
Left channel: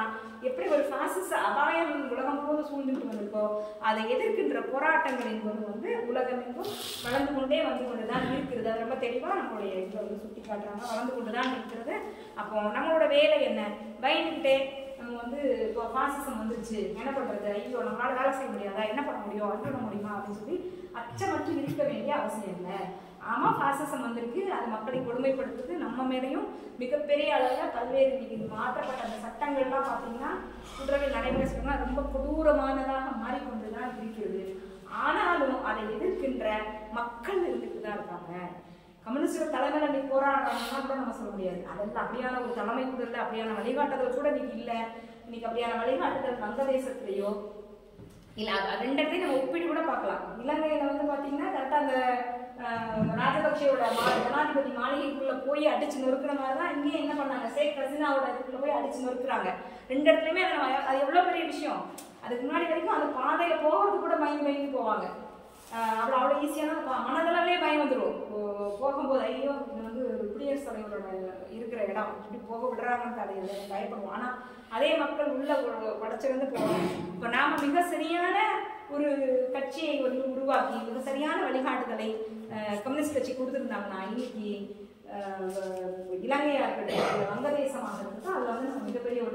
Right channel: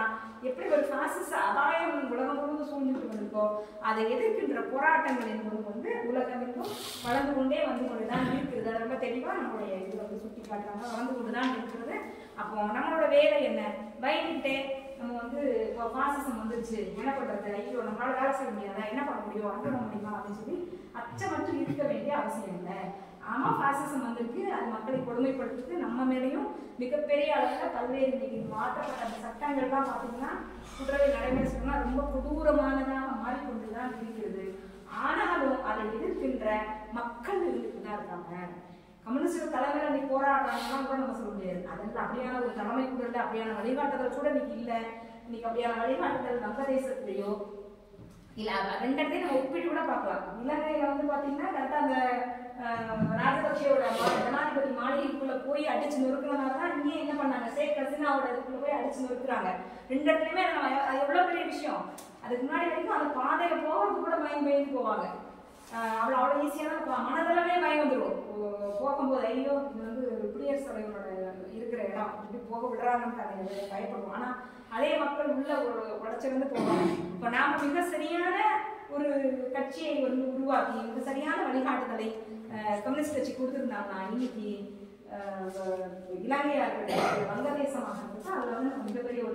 எப்படி ஒரு பாசிச அபாயம் உலகம் முழுவதும் சூழ்ந்துட்டு வந்திருக்கோ அதை எதிர்க்கின்ற போராட்டங்கள் என்பது வந்து உலகம் எங்கும் வளர்ந்து கொண்டே வந்து கொண்டுதான் இருக்கிறது. அது ரொம்ப தெளிவா நம்மளுடைய இதில் வந்து சுட்டி காட்டுறாங்க, வளர்ந்து கொண்டுதான் இருக்கிறது. அப்போ நம்மளோட வேலை என்ன? பயந்துக்கிட்டே நம்ம வந்து இப்போ பாசிசம் வந்துருச்சு, என்ன பண்ணுறது, ஐயோ நம்மளால வேலை செய்ய முடியாதா, என்ன பண்ண முடியும், அது பண்ண முடியுமா அப்படின்னு சொல்லி அச்சமற்று இருக்க வேண்டிய அவசியம் இல்லை. ஆமாம், பாசிசம் வந்திருக்கு, அது மக்களை கொடுமைப்படுத்துது, நம்ம மேலேயும் மிகப்பெரிய அளவில் பல்வேறு இன்னைக்கு மாற்றப்பட்ட அந்த சட்டங்கள்லாம் பார்த்தீங்கன்னா குற்றவியல் நடைமுறை சட்டம்லாம் ரொம்ப கொடூரமானதாக மாறிக்கொண்டு தான் இருக்கிறது. ஆனாலும் அதை எதிர்க்கின்ற மக்கள் இருந்துட்டு தான் இருக்காங்க. கம்யூனிஸ்ட் தலைமையில் இன்னைக்கு போராடுறாங்கன்னா கூட நம்ம சொல்ல முடியாது. அதெல்லாம் அப்படியான ஒரு தலைமை கூட இல்லை, அப்படியான வழிகாட்டுதல் கூட இன்னைக்கு இல்லை. இன்னைக்கு அப்படியான வழிகாட்டுதல் வங்கதேசத்துலேயோ இல்லை, ரெண்டு இடத்தையும் நம்ம ஒப்பிட்டு கூட பார்க்கலாம். இலங்கையில் வந்து பார்த்தீங்கன்னா கரெக்டாக அந்த ராஜபக்சேவோட ஜனாதிபதி மாளிகைக்குள்ளே போய் அடிச்சு நொறுக்கிற மாதிரி தான் இங்கேயும் என்ன பண்ணாங்க, ஷேக் ஹசீனாவோட இதுக்குள்ளே போய் அடிச்சு நொறுக்குறாங்க. ரெண்டு இடத்துலையுமே அது எவ்வளோ பெரிய விஷயம். அதுக்கு முன்னாடி வரைக்கும் அந்த பாதையில் போகிறது கூட பயந்து போவாங்க. அவ்வளோ ஈஸியான மனதளவிலே பயம் வந்துடும். போகும்போது ஐயோ இது வந்து குடியரசுத் தலைவரோட இருக்கிற இடம், இப்படி போக விடுறாங்கன்னு அதை பயப்படுவோம். ஆனால் அதே மக்கள் உள்ள உடச்சிருந்து போவாங்க. இப்போ நாம் மிக சரியான ஒரு கட்சியை வந்து உருவாக்கி மிக சரியான வழிகாட்டுதலை கம்யூனிஸ்ட் கட்சி கொடுத்துருந்தாங்கன்னா இன்னைக்கு இலங்கையாக இருக்கட்டும், வங்கதேசமாக இருக்கட்டும், அதில் வந்து மிகப்பெரிய ஒரு